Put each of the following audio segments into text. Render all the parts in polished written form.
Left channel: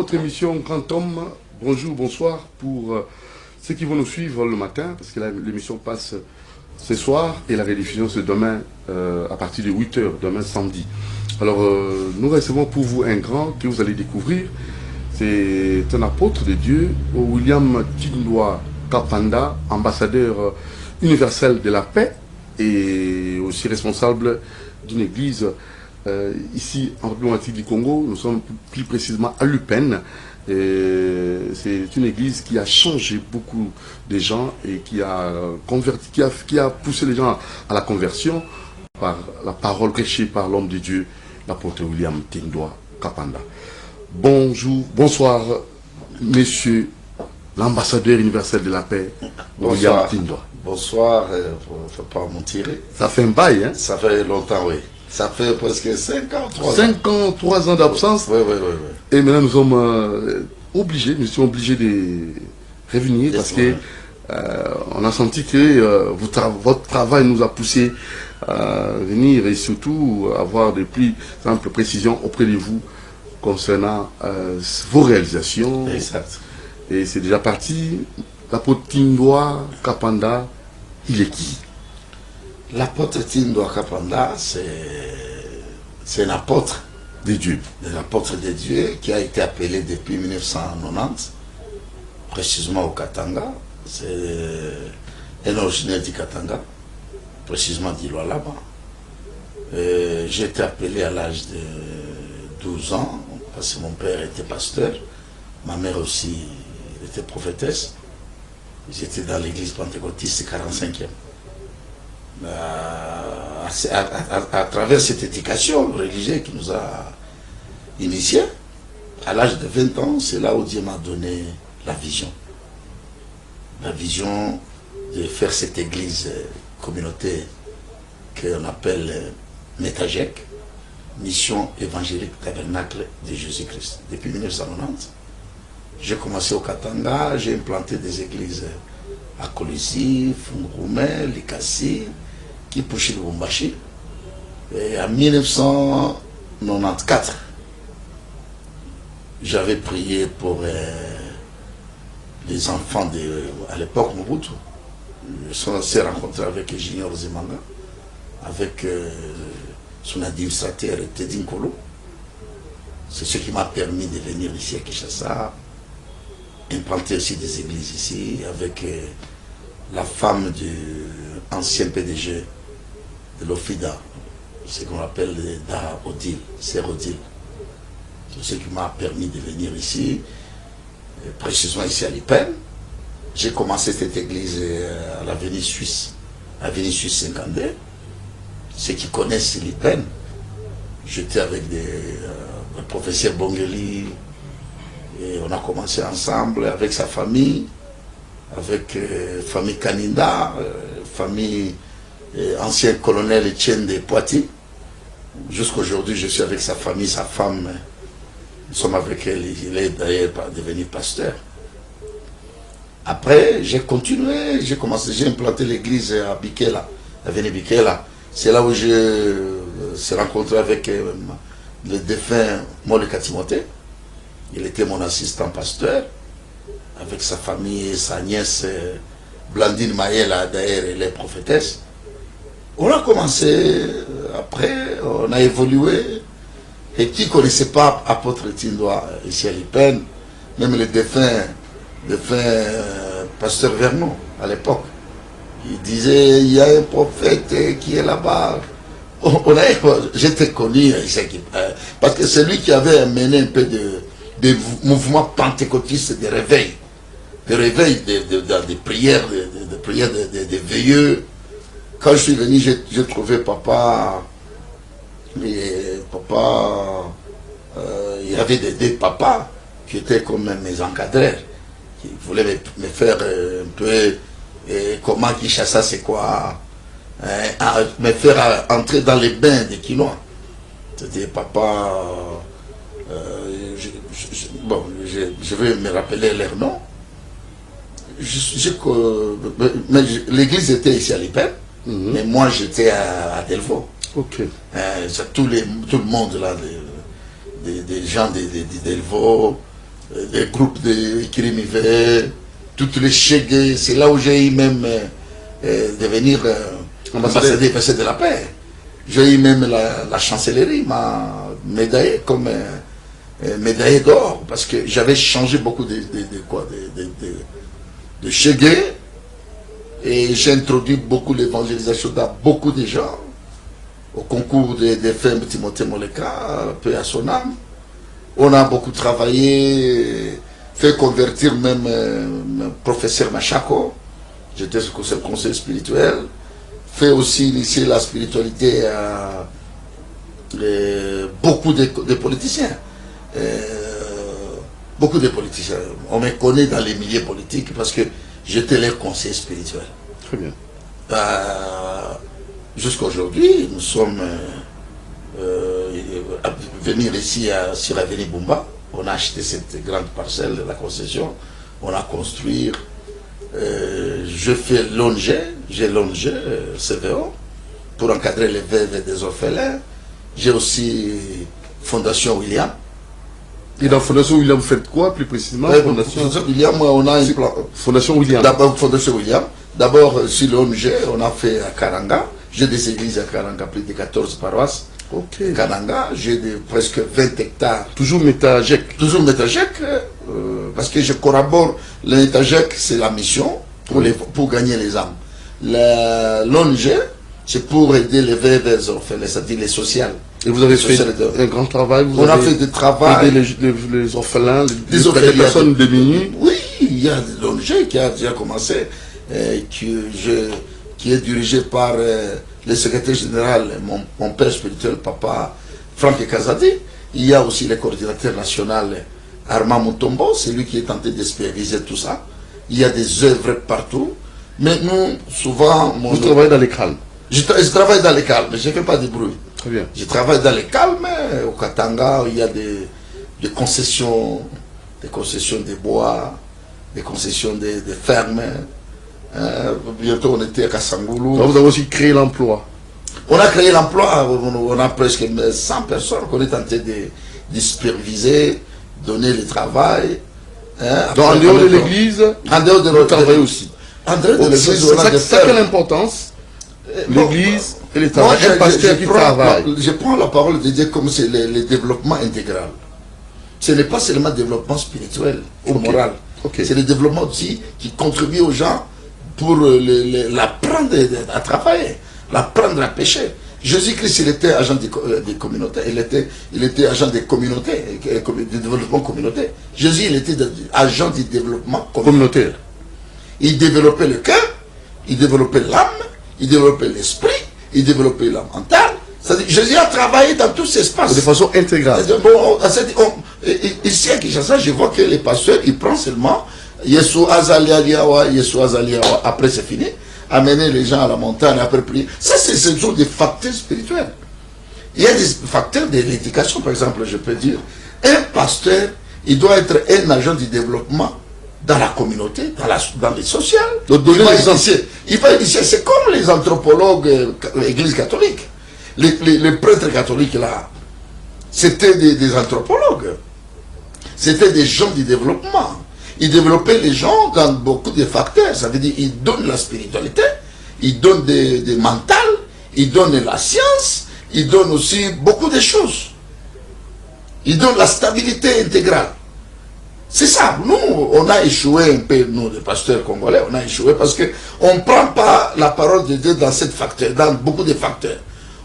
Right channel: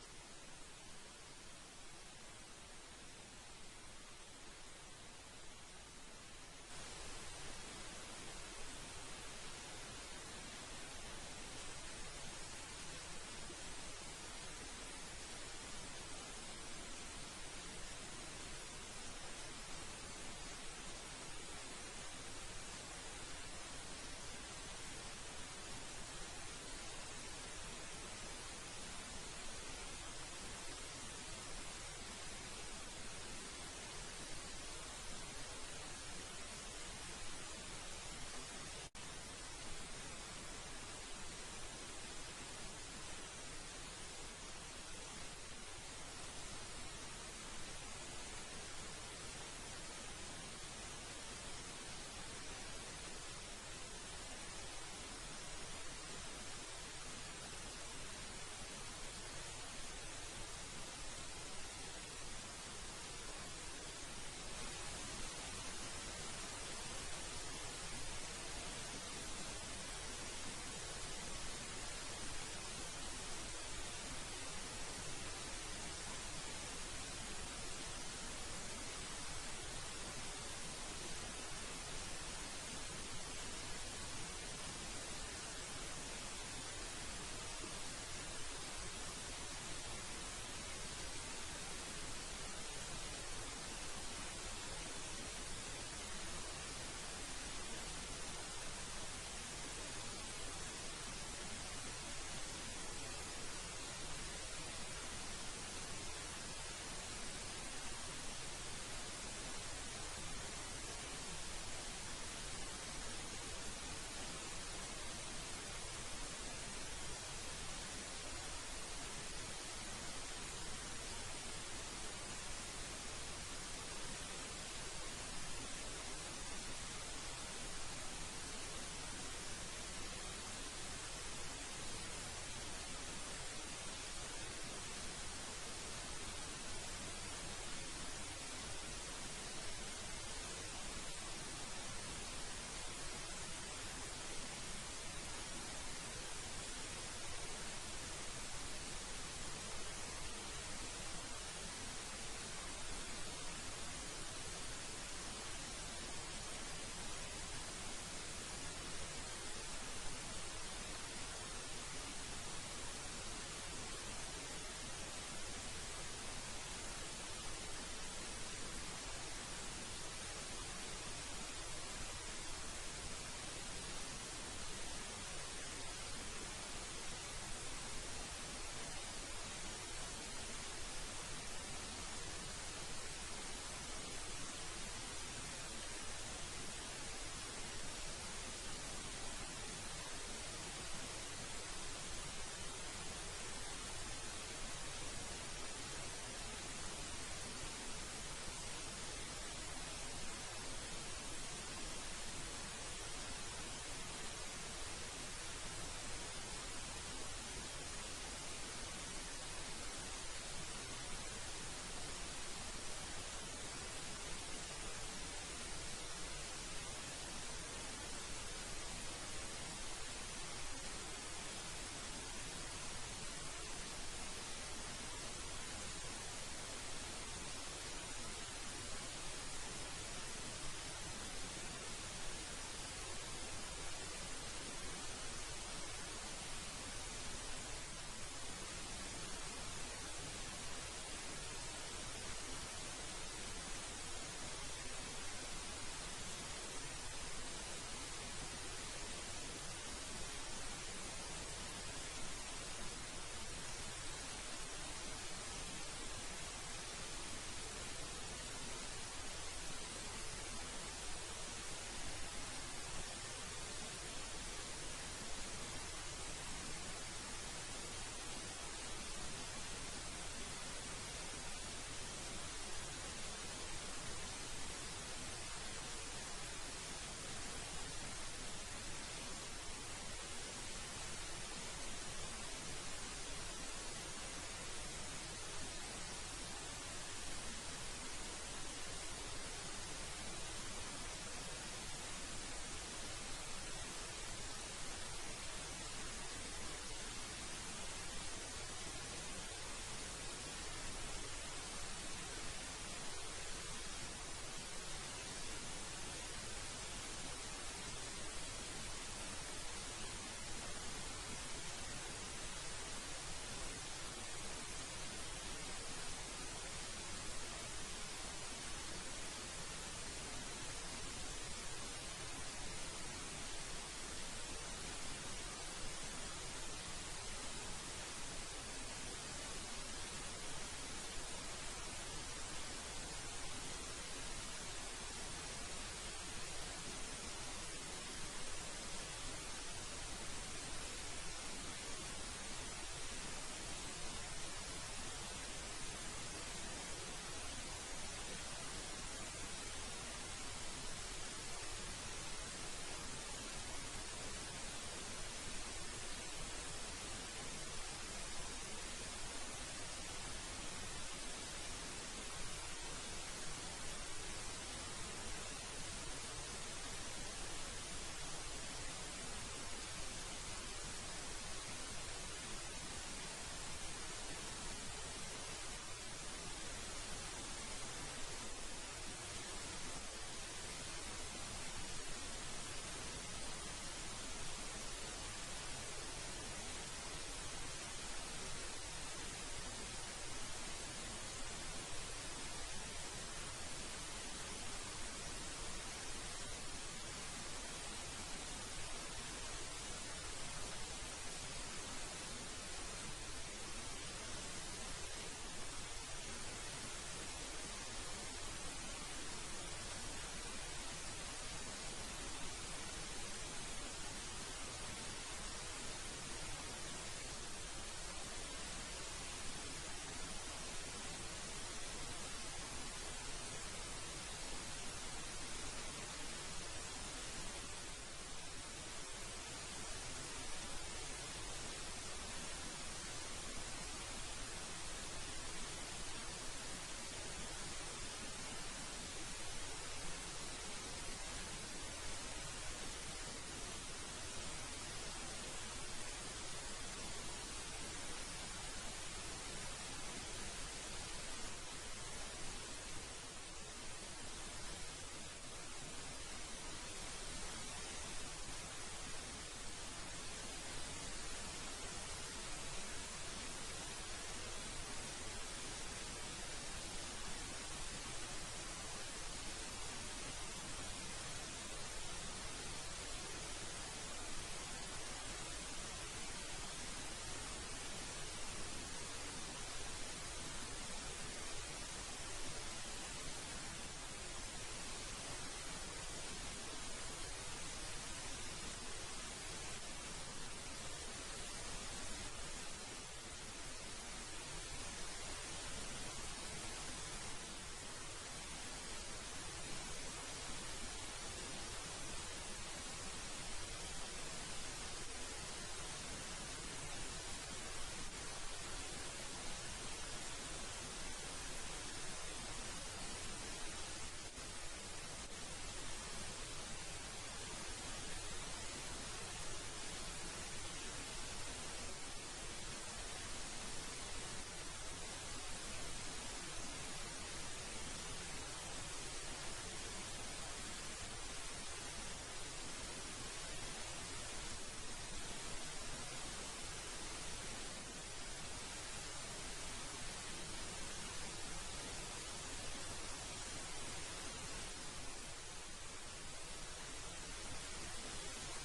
Notre émission Grand Homme, bonjour, bonsoir pour ceux qui vont nous suivre le matin, parce que l'émission passe ce soir et la rediffusion c'est demain à partir de 8 h, demain samedi. Alors nous recevons pour vous un grand que vous allez découvrir. C'est un apôtre de Dieu, William Tindwa Kapanda, ambassadeur universel de la paix et aussi responsable d'une église ici en République du Congo. Nous sommes plus précisément à Lupène. C'est une église qui a changé beaucoup de gens et qui a converti, qui a poussé les gens à la conversion par la parole prêchée par l'homme de Dieu, l'apôtre William Tindwa Kapanda. Bonjour, bonsoir, monsieur l'ambassadeur universel de la paix, William Tindwa. Bonsoir, il ne faut pas mentir. Ça fait un bail, hein? Ça fait longtemps, oui. Ça fait presque 5 ans, 3 ans. 5 ans, 3 ans d'absence. Oui. Et maintenant, nous sommes obligés, nous sommes obligés de revenir parce que on a senti que votre travail nous a poussé à venir et surtout avoir des plus amples précisions auprès de vous concernant vos réalisations. Exact. Et c'est déjà parti. L'apôtre Tindwa Kapanda, il est qui? L'apôtre Tindwa Kapanda, c'est un apôtre de Dieu. Un apôtre de Dieu qui a été appelé depuis 1990, précisément au Katanga. C'est un originaire du Katanga, précisément d'Iloalaba. J'ai été appelé à l'âge de 12 ans, parce que mon père était pasteur, ma mère aussi était prophétesse. J'étais dans l'église pentecôtiste 45e. À travers cette éducation religieuse qui nous a initiés, à l'âge de 20 ans, c'est là où Dieu m'a donné la vision. La vision de faire cette église communauté qu'on appelle Métagec, Mission évangélique tabernacle de Jésus-Christ. Depuis 1990, j'ai commencé au Katanga, j'ai implanté des églises à Kolisi, Fungoumé, Likasi, Kipushi, Lubumbashi. Et en 1994, j'avais prié pour les enfants à l'époque Mobutu. On s'est rencontré avec Junior Zemanga, avec son administrateur Teddy Nkolo. C'est ce qui m'a permis de venir ici à Kinshasa, implanter aussi des églises ici, avec la femme du ancien PDG de l'OFIDA, ce qu'on appelle Daha Odile, Sœur Odile. C'est ce qui m'a permis de venir ici, précisément ici à Lipène. J'ai commencé cette église à l'avenue Suisse, avenue Suisse 52. Ceux qui connaissent Lipène, j'étais avec le professeur Bongeli, et on a commencé ensemble avec sa famille, avec famille Kaninda, famille ancien colonel Etienne de Poitiers. Jusqu'aujourd'hui, je suis avec sa famille, sa femme. Nous sommes avec elle, il est d'ailleurs devenu pasteur. Après, j'ai continué, j'ai implanté l'église à Bikela, avenue Bikela. C'est là où je suis rencontré avec le défunt Moleka Timothée. Il était mon assistant pasteur, avec sa famille, sa nièce Blandine Maëla, d'ailleurs, elle est prophétesse. On a commencé, après, on a évolué. Et qui ne connaissait pas apôtre Tindwa ici à Lipène, même le défunt pasteur Vernon à l'époque, il disait, il y a un prophète qui est là-bas. J'étais connu ici, parce que c'est lui qui avait mené un peu de mouvements pentecôtistes de réveil, des prières, des veilleux. Quand je suis venu, j'ai trouvé papa. Il y avait des papas qui étaient comme mes encadreurs, qui voulaient me faire un peu comment Kinshasa c'est quoi, me faire entrer dans les bains des Quinois. C'était papa, je vais me rappeler leur nom. L'église était ici à Lipène, mais moi j'étais à Delvaux. Ok. Tout le monde là, des gens de Delvaux, les groupes de Kirimivé, toutes les Chegué. C'est là où j'ai eu même devenir ambassadeur de la paix. J'ai eu même la chancellerie m'a médaillé comme médaillé d'or parce que j'avais changé beaucoup de Chegué et j'ai introduit beaucoup l'évangélisation dans beaucoup de gens au concours des femmes Timothée Moleka, paix à son âme. On a beaucoup travaillé, fait convertir même professeur Machako, j'étais sur le conseil spirituel, fait aussi initier la spiritualité à beaucoup de politiciens. Beaucoup de politiciens. On me connaît dans les milieux politiques parce que j'étais leur conseiller spirituel. Très bien. Jusqu'à aujourd'hui, nous sommes venir ici sur l'avenue Bumba. On a acheté cette grande parcelle de la concession. On a construit. Je fais l'ONG, j'ai l'ONG CVO pour encadrer les veuves des orphelins. J'ai aussi Fondation William. Et dans Fondation William, vous faites quoi plus précisément? Fondation William, on a une plan. Fondation William. D'abord, Fondation William. D'abord, sur l'ONG, on a fait à Karanga. J'ai des églises à Karanga, plus de 14 paroisses. Ok. Karanga, j'ai presque 20 hectares. Toujours Métagec. Toujours Métagec, parce que je collabore. Le Métagec, c'est la mission pour gagner les âmes. L'ONG, c'est pour aider les veuves orphelins, c'est-à-dire les sociales. Et vous avez fait un grand travail. On a fait du travail. Aider les orphelins, les personnes démunies. Oui, il y a l'ONG qui a déjà commencé, qui est dirigé par le secrétaire général, mon père spirituel, papa Franck Kazadi. Il y a aussi le coordinateur national Armand Mutombo, c'est lui qui est tenté d'espériser tout ça. Il y a des œuvres partout. Mais nous, souvent... Vous travaillez dans les calmes. Je travaille dans les calmes, mais je ne fais pas de bruit. Très bien. Je travaille dans les calmes. Au Katanga, il y a des concessions de bois, des concessions de fermes. Bientôt, on était à Kassangoulou. Donc vous avez aussi créé l'emploi. On a créé l'emploi. On a presque 100 personnes qu'on est tenté de superviser, donner le travail. Donc en dehors de l'église, en dehors de vous travaillez aussi. En dehors de l'église, on a des ça quelle importance? L'église et l'État. Un pasteur qui travaille. Je prends la parole de Dieu comme c'est le développement intégral. Ce n'est pas seulement le développement spirituel ou moral. C'est le développement aussi qui contribue aux gens pour l'apprendre à travailler, l'apprendre à pécher. Jésus-Christ, il était agent des communautés, il était agent des communautés, du développement communautaire. Jésus, il était agent du développement communautaire. Il développait le cœur, il développait l'âme, il développait l'esprit, il développait la mentale. C'est-à-dire, Jésus a travaillé dans tous ces espaces. De façon intégrale. Ici à Kinshasa, je vois que les pasteurs, ils prennent seulement Yesu Azaliawa, après c'est fini, amener les gens à la montagne, après prier. Ça, ce sont des facteurs spirituels. Il y a des facteurs de l'éducation, par exemple, je peux dire. Un pasteur, il doit être un agent du développement dans la communauté, dans les sociales. Il va initier, c'est comme les anthropologues, l'église catholique. Les prêtres catholiques là, c'était des anthropologues. C'était des gens du développement. Ils développaient les gens dans beaucoup de facteurs. Ça veut dire qu'ils donnent la spiritualité, ils donnent des mentales, ils donnent la science, ils donnent aussi beaucoup de choses. Ils donnent la stabilité intégrale. C'est ça. Nous, on a échoué un peu, nous, les pasteurs congolais, on a échoué parce qu'on ne prend pas la parole de Dieu dans cette facteur, dans beaucoup de facteurs.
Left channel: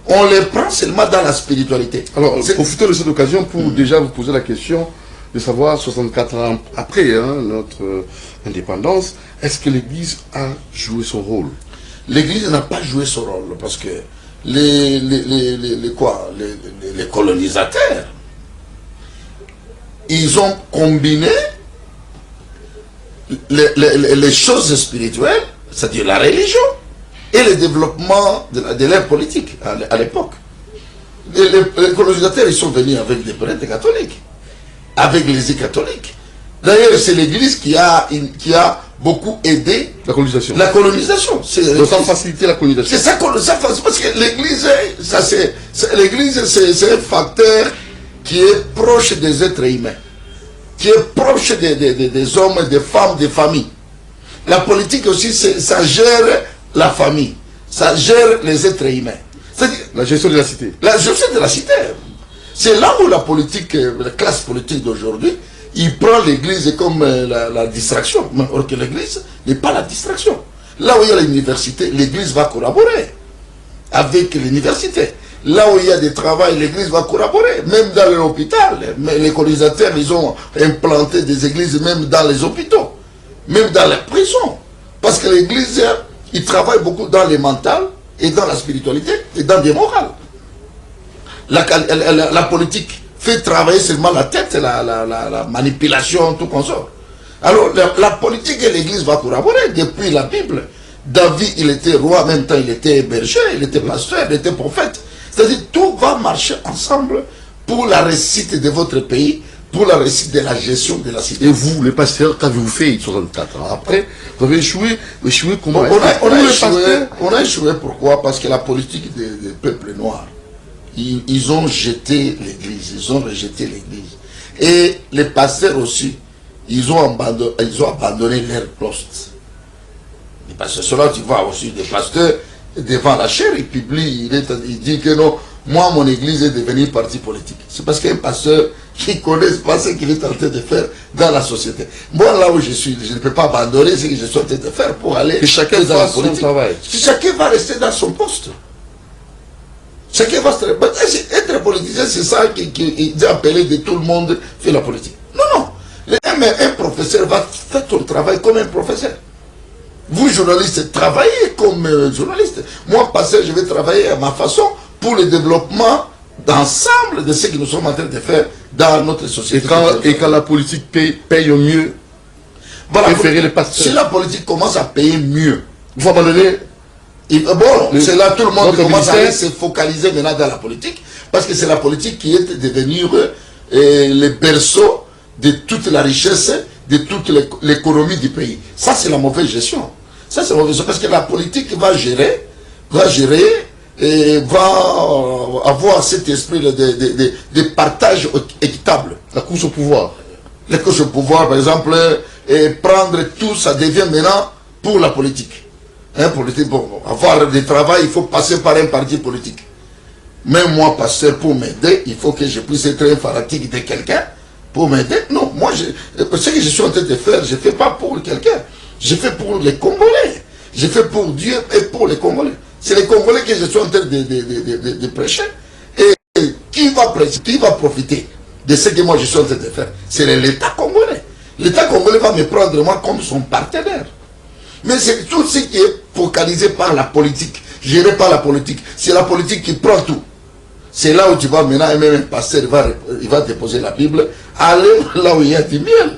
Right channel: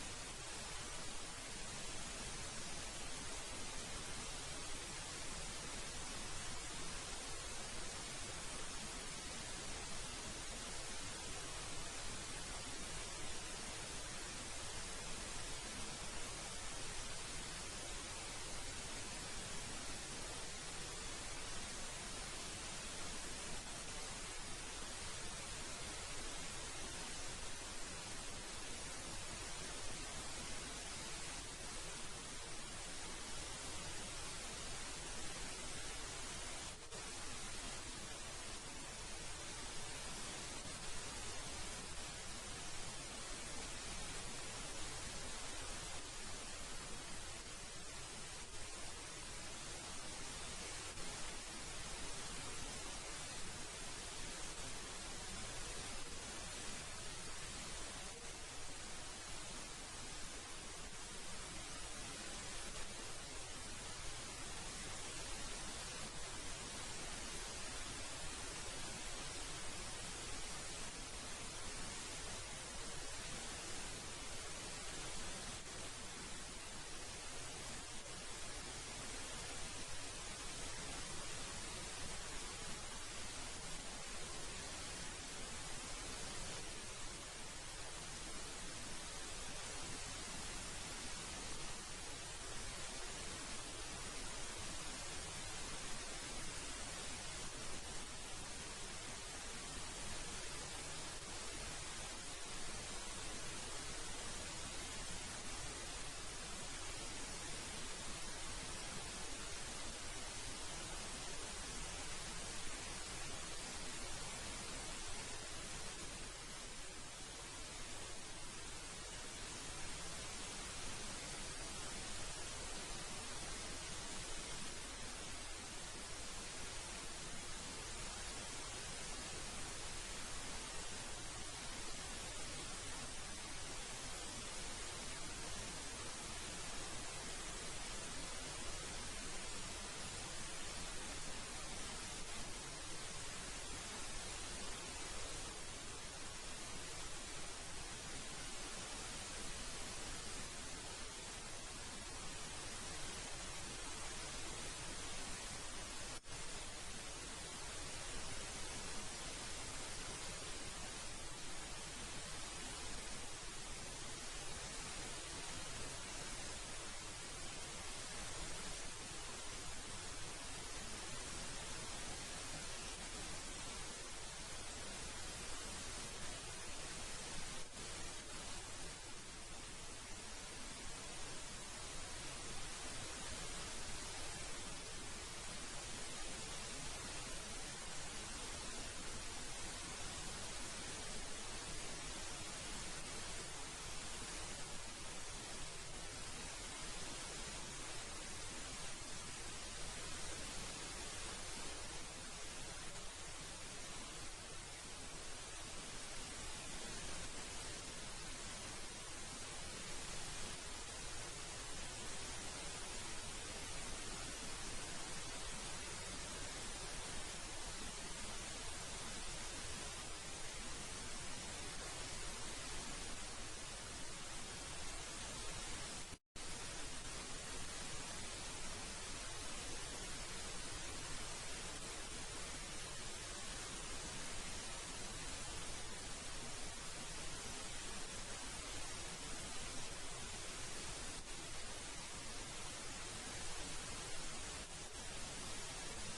On les prend seulement dans la spiritualité. Alors, profitons de cette occasion pour déjà vous poser la question de savoir, 64 ans après notre indépendance, est-ce que l'Église a joué son rôle? L'Église n'a pas joué son rôle parce que les colonisateurs, ils ont combiné les choses spirituelles, c'est-à-dire la religion, et le développement de l'ère politique à l'époque. Les colonisateurs, ils sont venus avec des prêtres catholiques, avec l'Église catholique. D'ailleurs, c'est l'Église qui a beaucoup aidé la colonisation. La colonisation. Donc ça faciliter la colonisation. C'est ça, parce que l'Église, c'est un facteur qui est proche des êtres humains. qui est proche des hommes, des femmes, des familles. La politique aussi, ça gère la famille, ça gère les êtres humains. La gestion de la cité. La gestion de la cité. C'est là où la politique, la classe politique d'aujourd'hui, il prend l'église comme la distraction. Or que l'église n'est pas la distraction. Là où il y a l'université, l'église va collaborer avec l'université. Là où il y a des travaux, l'église va collaborer. Même dans l'hôpital, les colonisateurs, ils ont implanté des églises même dans les hôpitaux, même dans les prisons. Parce que l'église, il travaille beaucoup dans les mentales, et dans la spiritualité, et dans des morales. La politique fait travailler seulement la tête, la manipulation, tout consort. Alors, la politique et l'église vont collaborer depuis la Bible. David, il était roi, en même temps, il était berger, il était pasteur, il était prophète. C'est-à-dire, tout va marcher ensemble pour la réussite de votre pays, pour la réussite de la gestion de la cité. Et vous, les pasteurs, qu'avez-vous fait en 64 ans? Après, vous avez échoué comment? On a échoué, pourquoi? Parce que la politique des peuples noirs, ils ont jeté l'église, ils ont rejeté l'église. Et les pasteurs aussi, ils ont abandonné leur poste. Parce que cela, tu vois aussi des pasteurs devant la chair, il publie, il dit que non, moi, mon église est devenue parti politique. C'est parce qu'un pasteur qui ne connaît pas ce qu'il est en train de faire dans la société. Moi, là où je suis, je ne peux pas abandonner ce que je suis en train de faire pour aller que chacun dans la fasse son politique. travail. Chacun va rester dans son poste. Chacun va se... Être politicien, c'est ça qui est appelé de tout le monde fait la politique. Non, non. Un professeur va faire son travail comme un professeur. Vous, journalistes, travaillez comme journaliste. Moi, pasteur, je vais travailler à ma façon pour le développement d'ensemble de ce que nous sommes en train de faire dans notre société. Et quand la politique paye mieux, voilà, préférez les pasteurs. Si la politique commence à payer mieux, vous abandonnez. Bon, c'est là tout le monde commence à se focaliser maintenant dans la politique, parce que c'est la politique qui est devenue le berceau de toute la richesse, de toute l'économie du pays. Ça, c'est la mauvaise gestion. Ça, c'est la mauvaise gestion, parce que la politique va gérer et va avoir cet esprit de partage équitable. La course au pouvoir. La course au pouvoir, par exemple, et prendre tout, ça devient maintenant pour la politique. Pour avoir du travail, il faut passer par un parti politique. Même moi, pasteur, pour m'aider, il faut que je puisse être un fanatique de quelqu'un pour m'aider. Non, moi, ce que je suis en train de faire, je ne fais pas pour quelqu'un. Je fais pour les Congolais. Je fais pour Dieu et pour les Congolais. C'est les Congolais que je suis en train de prêcher. Et qui va prêcher, qui va profiter de ce que moi je suis en train de faire? C'est l'État congolais. L'État congolais va me prendre moi comme son partenaire. Mais c'est tout ce qui est focalisé par la politique, géré par la politique. C'est la politique qui prend tout. C'est là où tu vas maintenant, et même un pasteur, il va déposer la Bible, aller là où il y a du miel.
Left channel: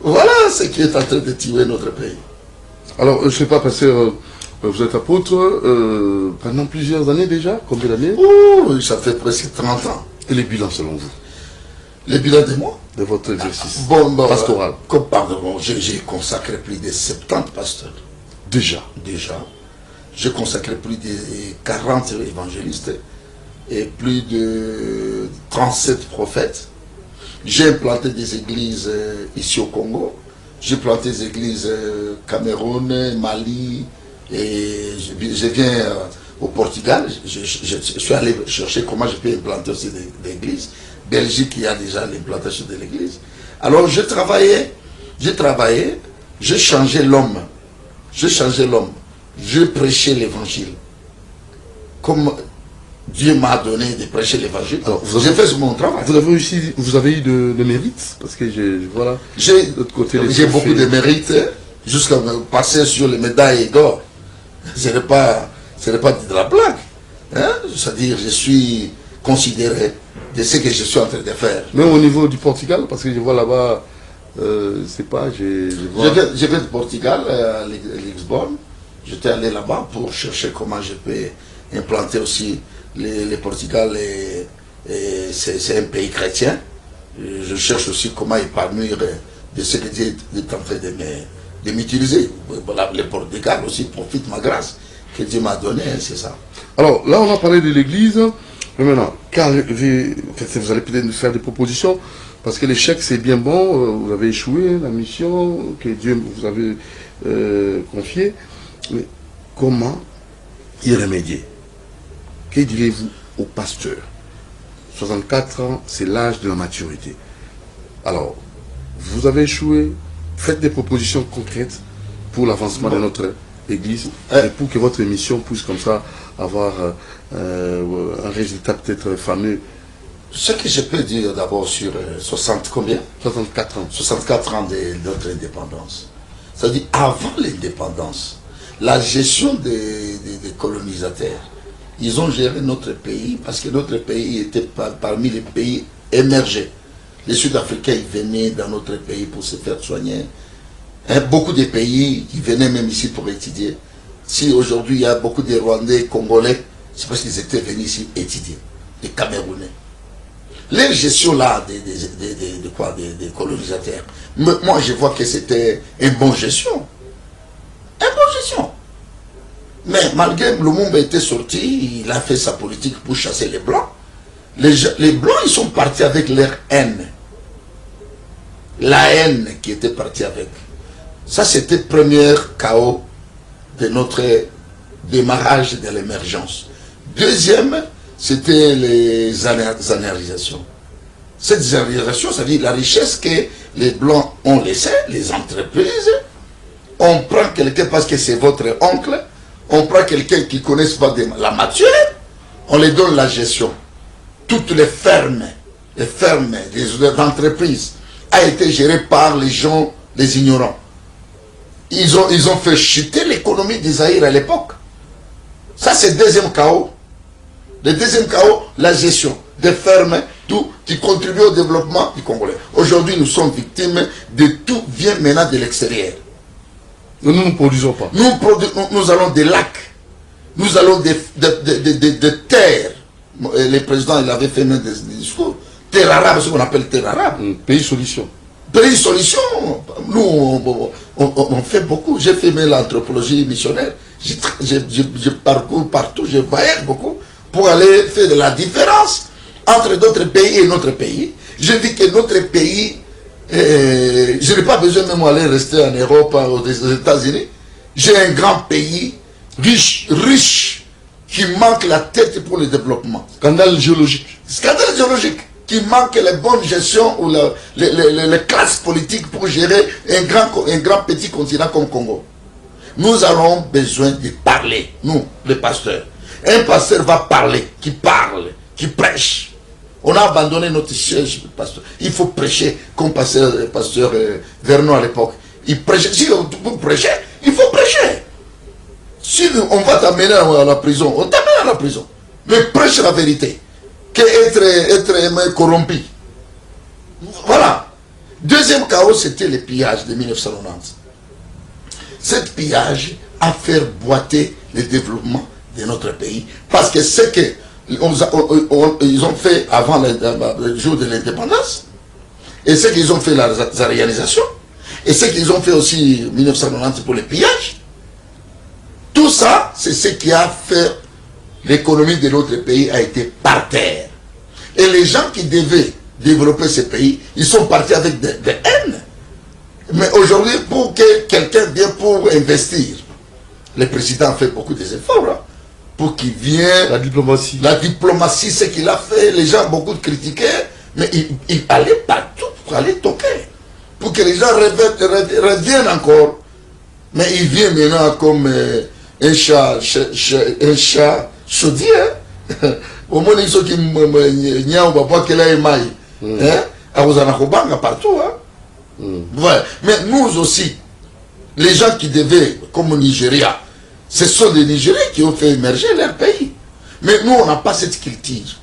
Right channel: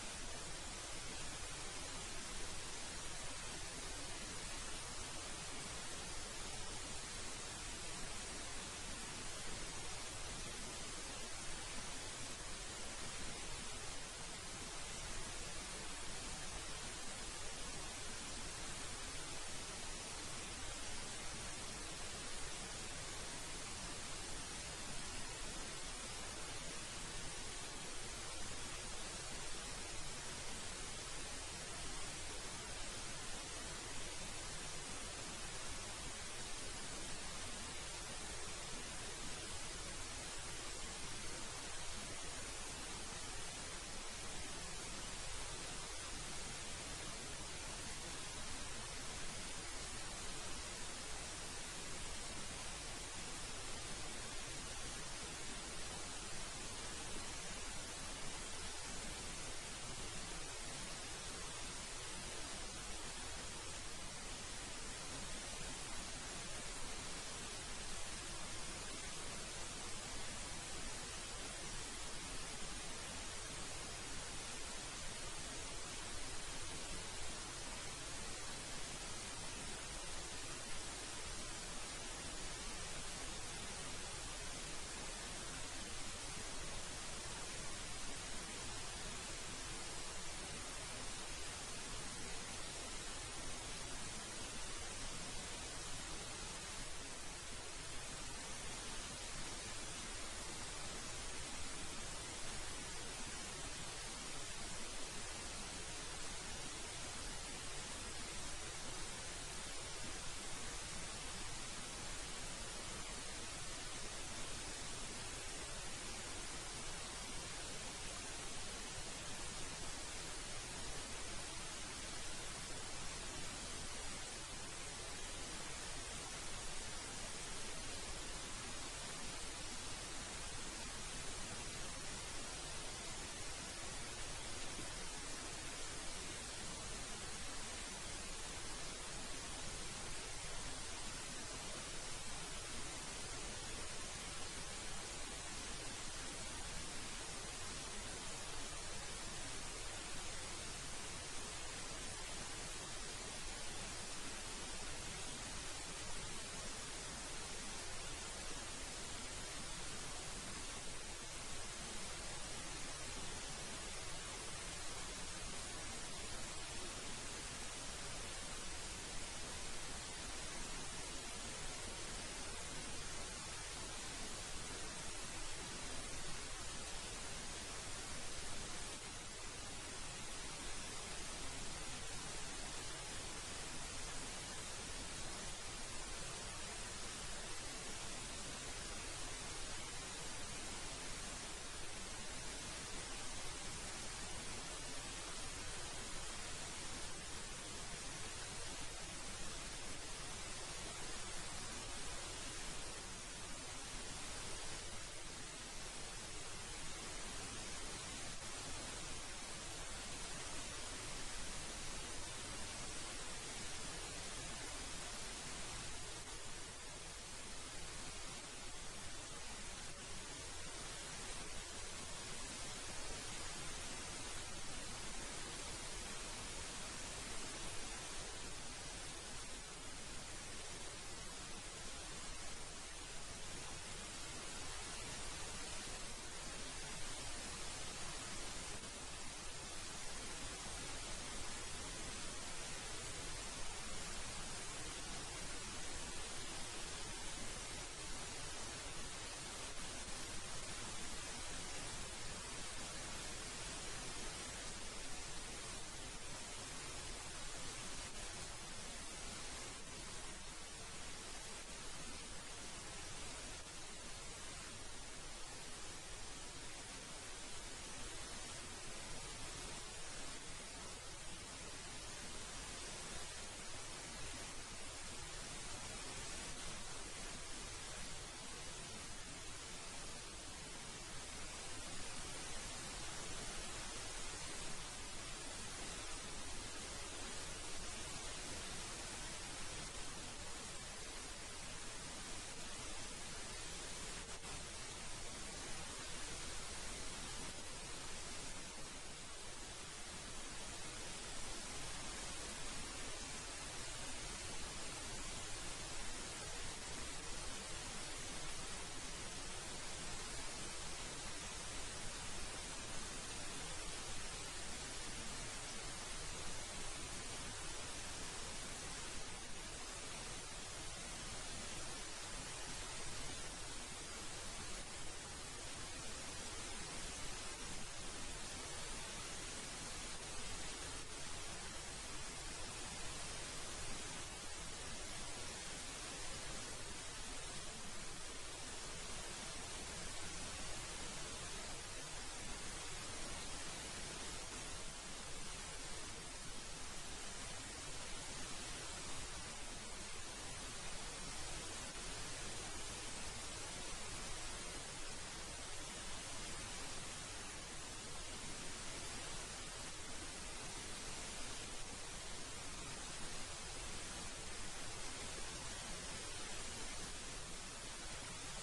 Voilà ce qui est en train de tuer notre pays. Alors, je ne sais pas, pasteur, vous êtes apôtre pendant plusieurs années déjà. Combien d'années? Oh, ça fait presque 30 ans. Et les bilans selon vous? Les bilans de moi? De votre exercice pastoral. Pardon, j'ai consacré plus de 70 pasteurs. Déjà? Déjà. J'ai consacré plus de 40 évangélistes et plus de 37 prophètes. J'ai implanté des églises ici au Congo. J'ai planté des églises Cameroun, Mali, et je viens au Portugal. Je suis allé chercher comment je peux implanter aussi des églises. Belgique, il y a déjà l'implantation de l'église. Alors j'ai travaillé, j'ai changé l'homme. J'ai prêché l'évangile. Comme Dieu m'a donné de prêcher l'évangile. J'ai fait mon travail. Vous avez réussi, vous avez eu de mérite? Parce que voilà, j'ai beaucoup de mérite jusqu'à me passer sur les médailles d'or. Ce n'est pas de la blague. Hein? C'est-à-dire, je suis considéré de ce que je suis en train de faire. Même au niveau du Portugal, parce que je vois là-bas, c'est pas, je vais du Portugal à Lisbonne. J'étais allé là-bas pour chercher comment je peux implanter aussi le Portugal. C'est un pays chrétien. Je cherche aussi comment épanouir de ce que Dieu est en train de m'utiliser. Voilà, le Portugal aussi profite de ma grâce que Dieu m'a donnée, c'est ça. Alors là, on a parlé de l'église. Mais maintenant, vous allez peut-être nous faire des propositions Parce que l'échec, c'est bien bon, vous avez échoué, la mission que Dieu vous avait confiée. Mais comment y remédier? Que direz-vous au pasteur? 64 ans, c'est l'âge de la maturité. Alors, vous avez échoué, faites des propositions concrètes pour l'avancement de notre Église et pour que votre mission puisse comme ça avoir un résultat peut-être fameux. Ce que je peux dire d'abord sur 60 combien 64 ans. 64 ans de notre indépendance. C'est-à-dire avant l'indépendance, la gestion des colonisateurs, ils ont géré notre pays parce que notre pays était parmi les pays émergés. Les Sud-Africains ils venaient dans notre pays pour se faire soigner. Beaucoup de pays qui venaient même ici pour étudier. Si aujourd'hui il y a beaucoup de Rwandais, Congolais, c'est parce qu'ils étaient venus ici étudier. Les Camerounais. Les gestions là des colonisateurs, moi je vois que c'était une bonne gestion. Une bonne gestion. Mais malgré Lumumba était sorti, il a fait sa politique pour chasser les Blancs. Les Blancs, ils sont partis avec leur haine. La haine qui était partie avec. Ça, c'était le premier chaos de notre démarrage de l'émergence. Deuxième, c'était les anarisations. Cette anérisation, ça veut dire la richesse que les Blancs ont laissée, les entreprises. On prend quelqu'un parce que c'est votre oncle, on prend quelqu'un qui ne connaît pas la matière, on les donne la gestion. Toutes les fermes des entreprises a été gérées par les gens, les ignorants. Ils ont fait chuter l'économie d'Isaïr à l'époque. Ça, c'est le deuxième chaos. Le deuxième chaos, la gestion des fermes, tout qui contribue au développement du Congolais. Aujourd'hui, nous sommes victimes de tout vient maintenant de l'extérieur. Nous ne produisons pas. Nous allons des lacs, nous allons des terres. Le président, il avait fait même des discours. Terre arabe, ce qu'on appelle terre arabe. Pays solution. Pays solution. Nous, on fait beaucoup. J'ai fait l'anthropologie missionnaire. Je parcours partout, je voyage beaucoup pour aller faire de la différence entre d'autres pays et notre pays. Je dis que notre pays, je n'ai pas besoin même d'aller rester en Europe ou aux États-Unis. J'ai un grand pays riche, qui manque la tête pour le développement. Scandale géologique. Scandale géologique. Qui manque la bonne gestion ou les classes politiques pour gérer un grand petit continent comme Congo. Nous avons besoin de parler, nous, les pasteurs. Un pasteur va parler, qui parle, qui prêche. On a abandonné notre siège de pasteur. Il faut prêcher comme pasteur Vernon à l'époque. Il prêchait. Si vous prêchez, il faut prêcher. Si on va t'amener à la prison, on t'amène à la prison. Mais prêche la vérité. Qu'être corrompu. Voilà. Deuxième chaos, c'était le pillage de 1990. Ce pillage a fait boiter le développement de notre pays. Parce que ce qu'ils ont fait avant le jour de l'indépendance, et ce qu'ils ont fait la réalisation, et ce qu'ils ont fait aussi en 1990 pour le pillage, tout ça, c'est ce qui a fait l'économie de notre pays a été par terre. Et les gens qui devaient développer ce pays, ils sont partis avec des haines. Mais aujourd'hui, pour que quelqu'un vienne pour investir, le président a fait beaucoup d'efforts hein, pour qu'il vienne. La diplomatie. La diplomatie, ce qu'il a fait, les gens beaucoup critiquaient, mais il allait partout pour aller toquer. Pour que les gens reviennent encore. Mais il vient maintenant comme un chat chaudier. Au moins, ils sont qui n'y a pas qu'elle ait maille. À vous en partout. Ouais. Mais nous aussi, les gens qui devaient, comme au Nigeria, ce sont les Nigériens qui ont fait émerger leur pays. Mais nous, on n'a pas cette culture.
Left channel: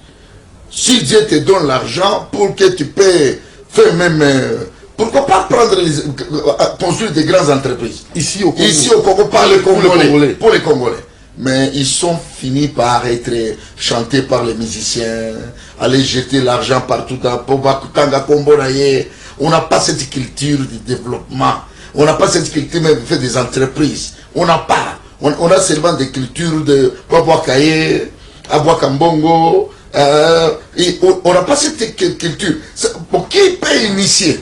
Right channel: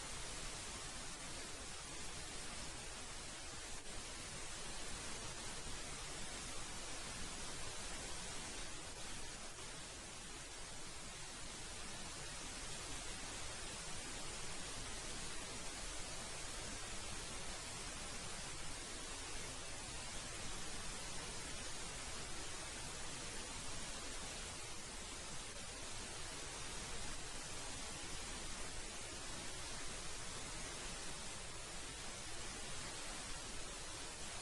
Si Dieu te donne l'argent pour que tu peux faire même... pourquoi pas construire des grandes entreprises Ici au Congo. Ici au Congo, par les Congolais. Pour les Congolais. Mais ils sont finis par être chantés par les musiciens, aller jeter l'argent partout dans Pobakutanga, Komboraye. On n'a pas cette culture du développement. On n'a pas cette culture même de faire des entreprises. On n'a pas. On a seulement des cultures de Babouakaye, Abouakambongo, On n'a pas cette culture. Pour qui peut initier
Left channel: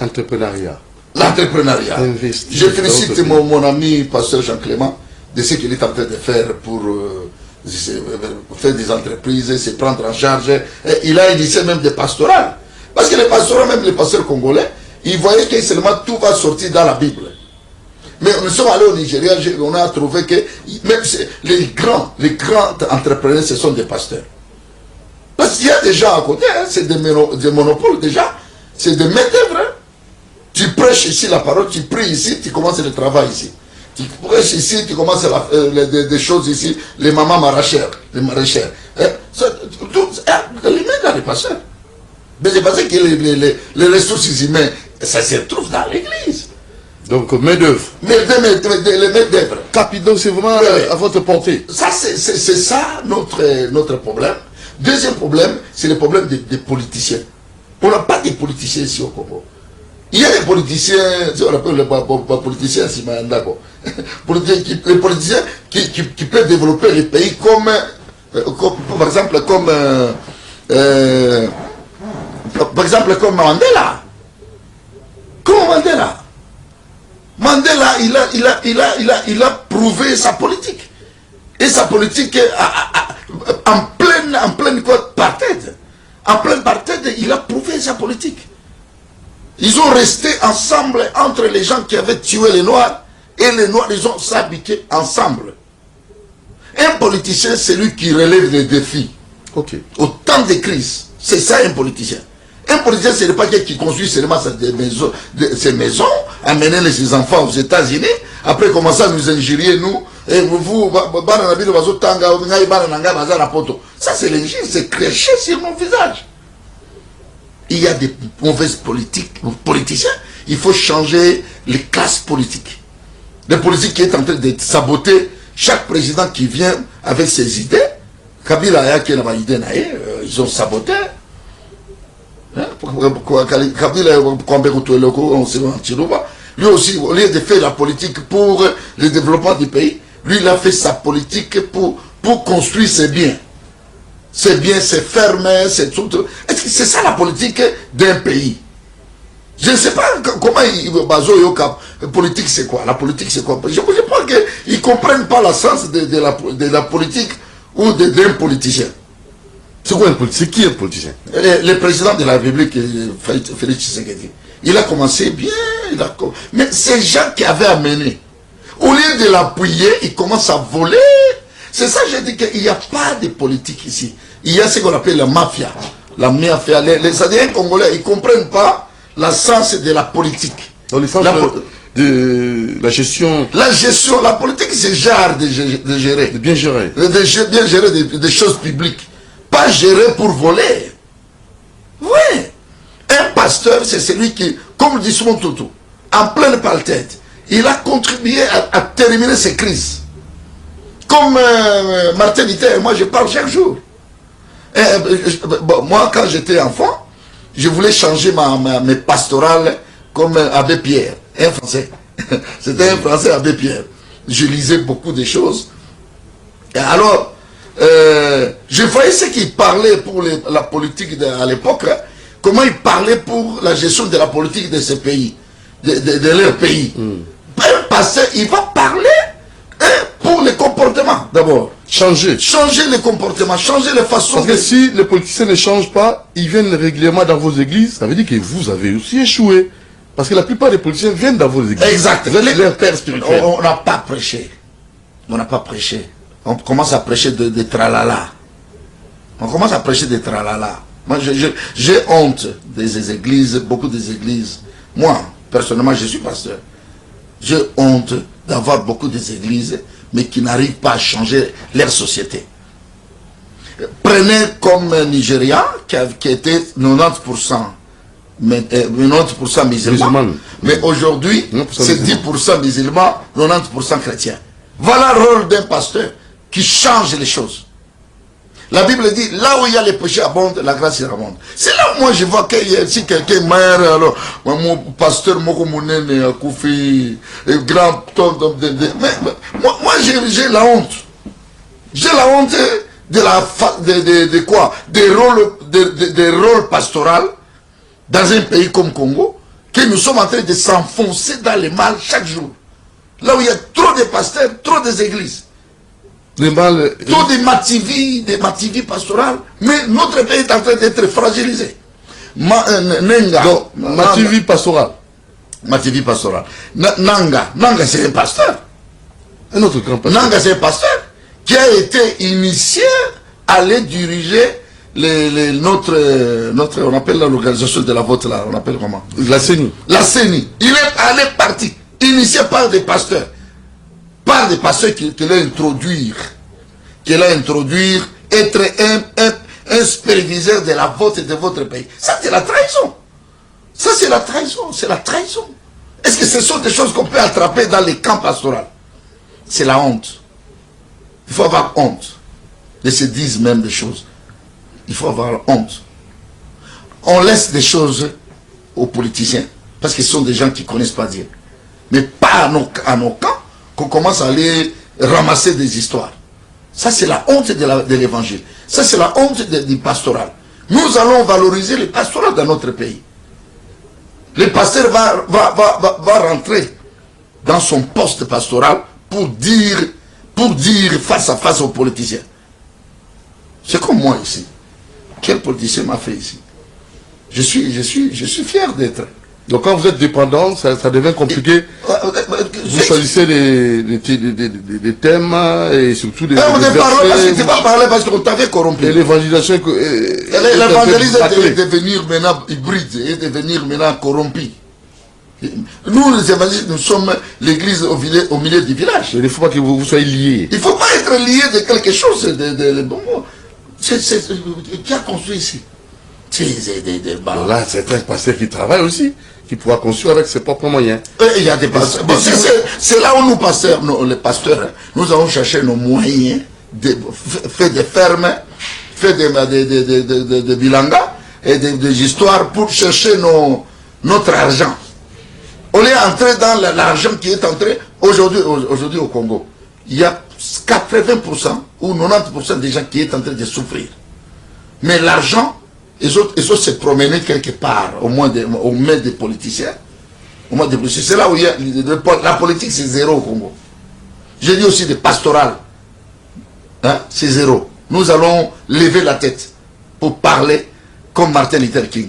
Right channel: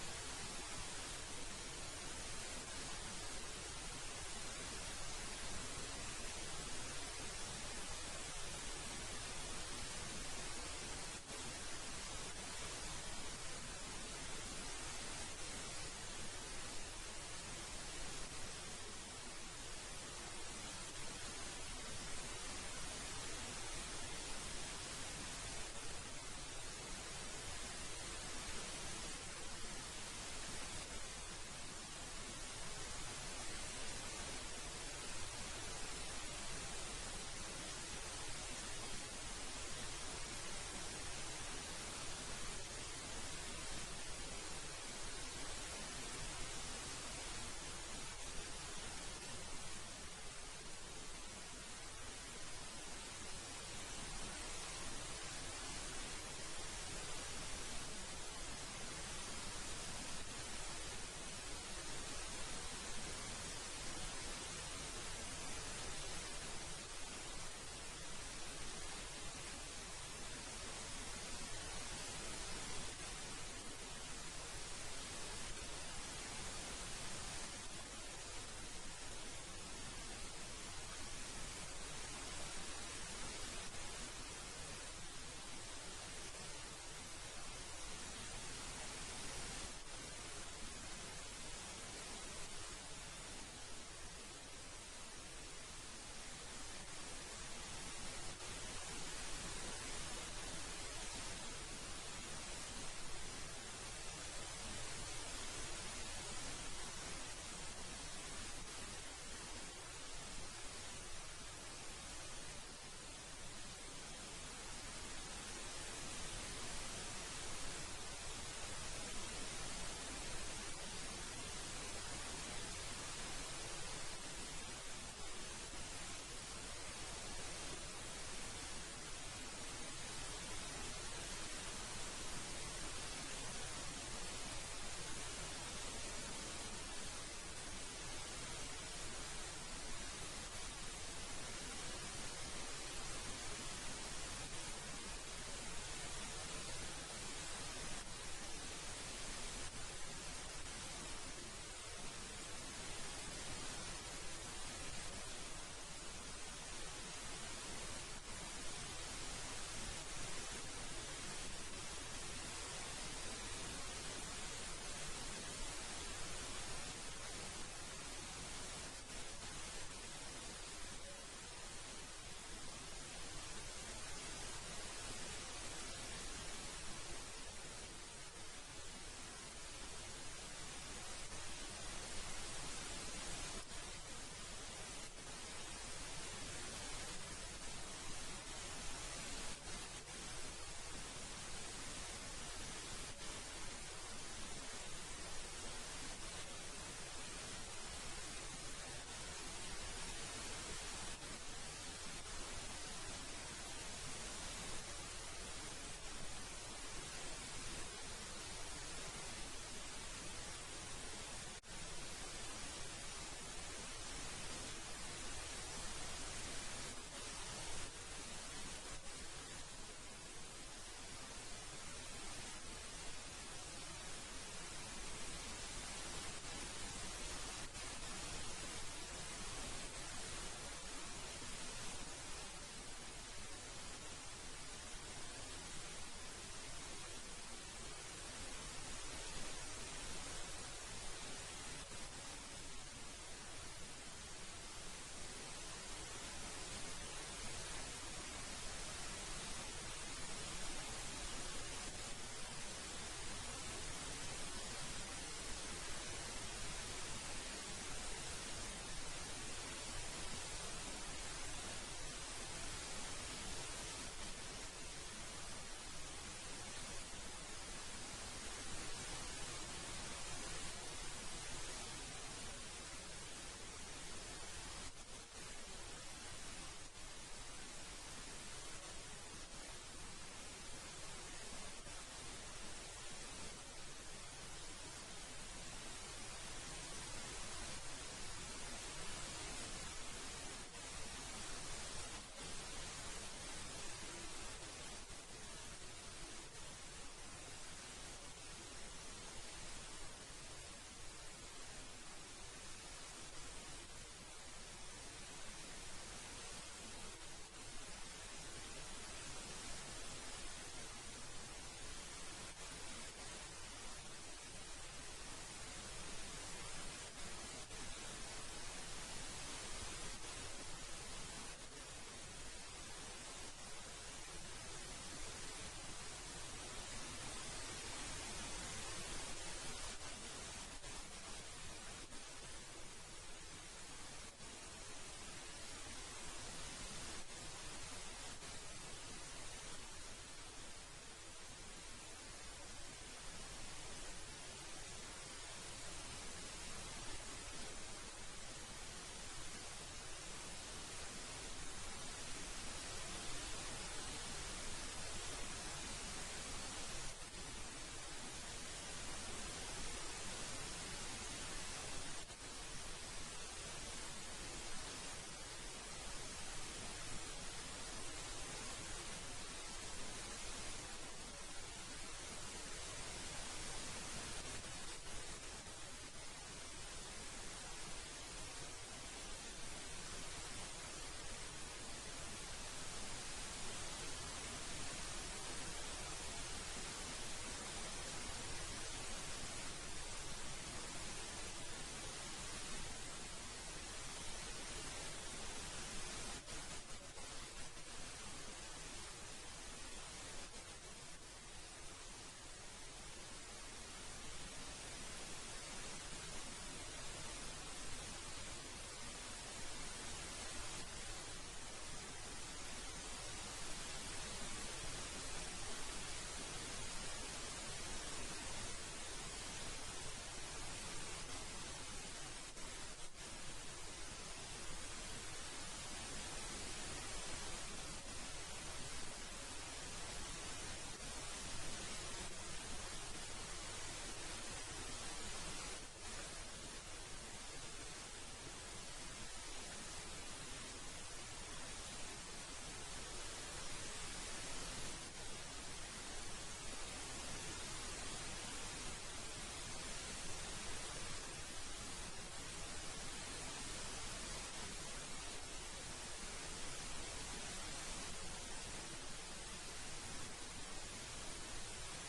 Entrepreneuriat. l'entrepreneuriat? Investir Je félicite dans le mon ami pasteur Jean-Clément de ce qu'il est en train de faire pour faire des entreprises, se prendre en charge. Et il a initié même des pastorales. Parce que les pastoraux, même les pasteurs congolais, ils voyaient que seulement tout va sortir dans la Bible. Mais nous sommes allés au Nigeria, on a trouvé que même les grands entrepreneurs, ce sont des pasteurs. Parce qu'il y a des gens à côté, hein, c'est des monopoles déjà, c'est des main-d'œuvre. Hein. Tu prêches ici la parole, tu pries ici, tu commences le travail ici. Tu prêches ici, tu commences des choses ici, les mamans maraîchères, les maraîchères. Hein. Les mains dans les pasteurs. Mais c'est parce que les ressources humaines, ça se trouve dans l'église. Donc, main-d'œuvre. Les main-d'œuvre. Donc, c'est vraiment à votre portée. Ça, c'est ça notre problème. Deuxième problème, c'est le problème des politiciens. On n'a pas de politiciens ici au Congo. Il y a des politiciens, on appelle les politiciens, les politiciens qui peuvent développer les pays comme par exemple, comme Mandela. Comme Mandela. Mandela, il a prouvé sa politique. Et sa politique, en pleine apartheid. En pleine apartheid, il a prouvé sa politique. Ils ont resté ensemble entre les gens qui avaient tué les Noirs et les Noirs, ils ont s'habitué ensemble. Un politicien, c'est lui qui relève les défis. Okay. Au temps de crise, c'est ça un politicien. Un politicien, ce n'est pas quelqu'un qui construit seulement ses maisons, amener ses enfants aux États-Unis, après commencer à nous injurier, nous, et vous, ça c'est l'injure, c'est craché sur mon visage. Il y a des mauvaises politiciens, il faut changer les classes politiques. Les politiques qui est en train de saboter chaque président qui vient avec ses idées. Kabila, ils ont saboté. Lui aussi, au lieu de faire la politique pour le développement du pays, lui, il a fait sa politique pour construire ses biens. Ses biens, ses fermes, ses tout. Est-ce que c'est ça la politique d'un pays? Je ne sais pas comment Bazo Yoka, politique c'est quoi? La politique c'est quoi? Je pense qu'ils ne comprennent pas le sens de la politique ou d'un politicien. C'est quoi un politicien? C'est qui est un politicien? Le président de la République, Félix Tshisekedi, il a commencé bien, mais ces gens qui avaient amené, au lieu de l'appuyer, ils commencent à voler. C'est ça que j'ai dit qu'il n'y a pas de politique ici. Il y a ce qu'on appelle la mafia. La mafia. Les Indiens congolais, ils ne comprennent pas le sens de la politique. Dans le sens de la gestion. La gestion, la politique, c'est genre de gérer. De bien gérer. De bien gérer des choses publiques. Pas gérer pour voler. Oui. Un pasteur, c'est celui qui, comme dit souvent Toto, en pleine apartheid, il a contribué à terminer ces crises. Comme Martin Luther, moi je parle chaque jour. Moi, quand j'étais enfant, je voulais changer mes pastorales comme Abbé Pierre, un Français. C'était un Français, Abbé Pierre. Je lisais beaucoup de choses. Et alors, je voyais ce qu'il parlait pour la politique à l'époque, hein, comment il parlait pour la gestion de la politique de ces pays, de leur pays. Un pasteur, il va parler pour les comportements d'abord. Changer les comportements, changer les façons. Parce que si les politiciens ne changent pas, ils viennent régulièrement dans vos églises, ça veut dire que vous avez aussi échoué. Parce que la plupart des politiciens viennent dans vos églises. Exact. Leur père spirituel. On n'a pas prêché. On n'a pas prêché. On commence à prêcher de tralala. On commence à prêcher de tralala. Moi, j'ai honte des églises, beaucoup des églises. Moi, personnellement, je suis pasteur. J'ai honte d'avoir beaucoup des églises, mais qui n'arrivent pas à changer leur société. Prenez comme Nigeria, qui était 90%, 90% musulmans. Mais aujourd'hui, c'est 10% musulmans, 90% chrétiens. Voilà le rôle d'un pasteur qui change les choses. La Bible dit, là où il y a les péchés abondent, la grâce abonde. C'est là où moi je vois que si quelqu'un meurt, alors, mon pasteur, mon Koufi, grand homme, mais moi j'ai la honte. J'ai la honte de quoi? Des rôles pastoraux dans un pays comme Congo, que nous sommes en train de s'enfoncer dans le mal chaque jour. Là où il y a trop de pasteurs, trop d'églises. Trop de mativis pastorales, mais notre pays est en train d'être fragilisé. Mativi pastoral. Mativi pastoral. Nanga c'est un pasteur. Un autre grand pasteur. Nanga c'est un pasteur qui a été initié à aller diriger notre, on appelle l'organisation de la vote là, on appelle comment? La CENI. La CENI. Il est allé parti, initié par des pasteurs. Par des pasteurs qui l'a introduire, être un superviseur de la vote de votre pays. Ça, c'est la trahison. Ça, c'est la trahison. C'est la trahison. Est-ce que ce sont des choses qu'on peut attraper dans les camps pastoraux? C'est la honte. Il faut avoir honte de se dire même des choses. Il faut avoir honte. On laisse des choses aux politiciens parce qu'ils sont des gens qui ne connaissent pas Dieu. Mais pas à nos camps qu'on commence à aller ramasser des histoires. Ça, c'est la honte de l'évangile. Ça, c'est la honte du pastoral. Nous allons valoriser le pastoral dans notre pays. Le pasteur va rentrer dans son poste pastoral pour dire face à face aux politiciens. C'est comme moi ici. Quel politicien m'a fait ici? Je suis fier d'être. Donc quand vous êtes dépendant, ça devient compliqué. Vous choisissez des thèmes et surtout des versets. Tu vas parler parce qu'on t'avait corrompu. Et l'évangélisation... L'évangélisme est devenir maintenant hybride, est devenir maintenant corrompu. Nous, les évangélistes, nous sommes l'église au milieu du village. Il ne faut pas que vous soyez liés. Il ne faut pas être lié de quelque chose. Qui a construit ici? Là, c'est un pasteur qui travaille aussi, qui pourra construire avec ses propres moyens. Il y a des pasteurs. C'est là où nous, pasteurs, les pasteurs, nous allons chercher nos moyens, faire des fermes, faire des bilangas et des histoires pour chercher notre argent. On est entré dans l'argent qui est entré aujourd'hui au Congo. Il y a 80% ou 90% des gens qui sont en train de souffrir. Mais l'argent, ils ont se promener quelque part, au moins des politiciens. C'est là où il y a la politique, c'est zéro au Congo. J'ai dit aussi des pastorales. Hein, c'est zéro. Nous allons lever la tête pour parler comme Martin Luther King.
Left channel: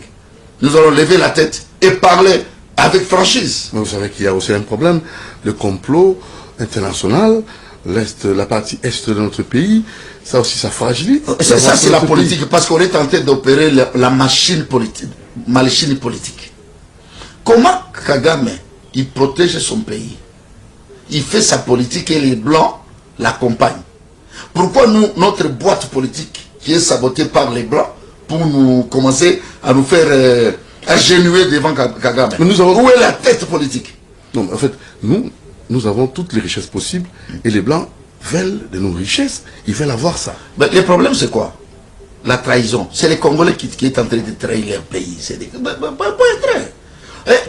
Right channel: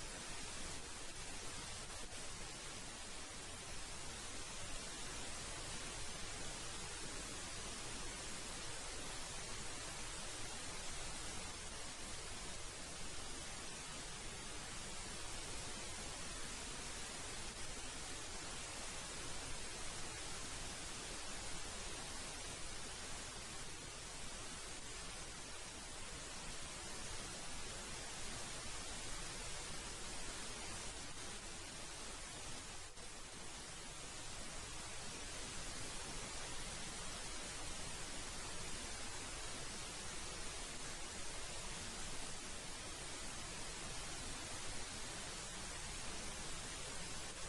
Nous allons lever la tête et parler avec franchise. Mais vous savez qu'il y a aussi un problème. Le complot international, la partie est de notre pays, ça aussi, ça fragilise. Ça, c'est la politique, parce qu'on est en train d'opérer la machine politique. Comment Kagame, il protège son pays? Il fait sa politique et les Blancs l'accompagnent. Pourquoi notre boîte politique, qui est sabotée par les Blancs, pour nous commencer à nous faire agenouiller devant Kagame? Où est la tête politique? Non, en fait, nous avons toutes les richesses possibles et les Blancs veulent de nos richesses, ils veulent avoir ça. Mais le problème, c'est quoi? La trahison. C'est les Congolais qui sont en train de trahir leur pays.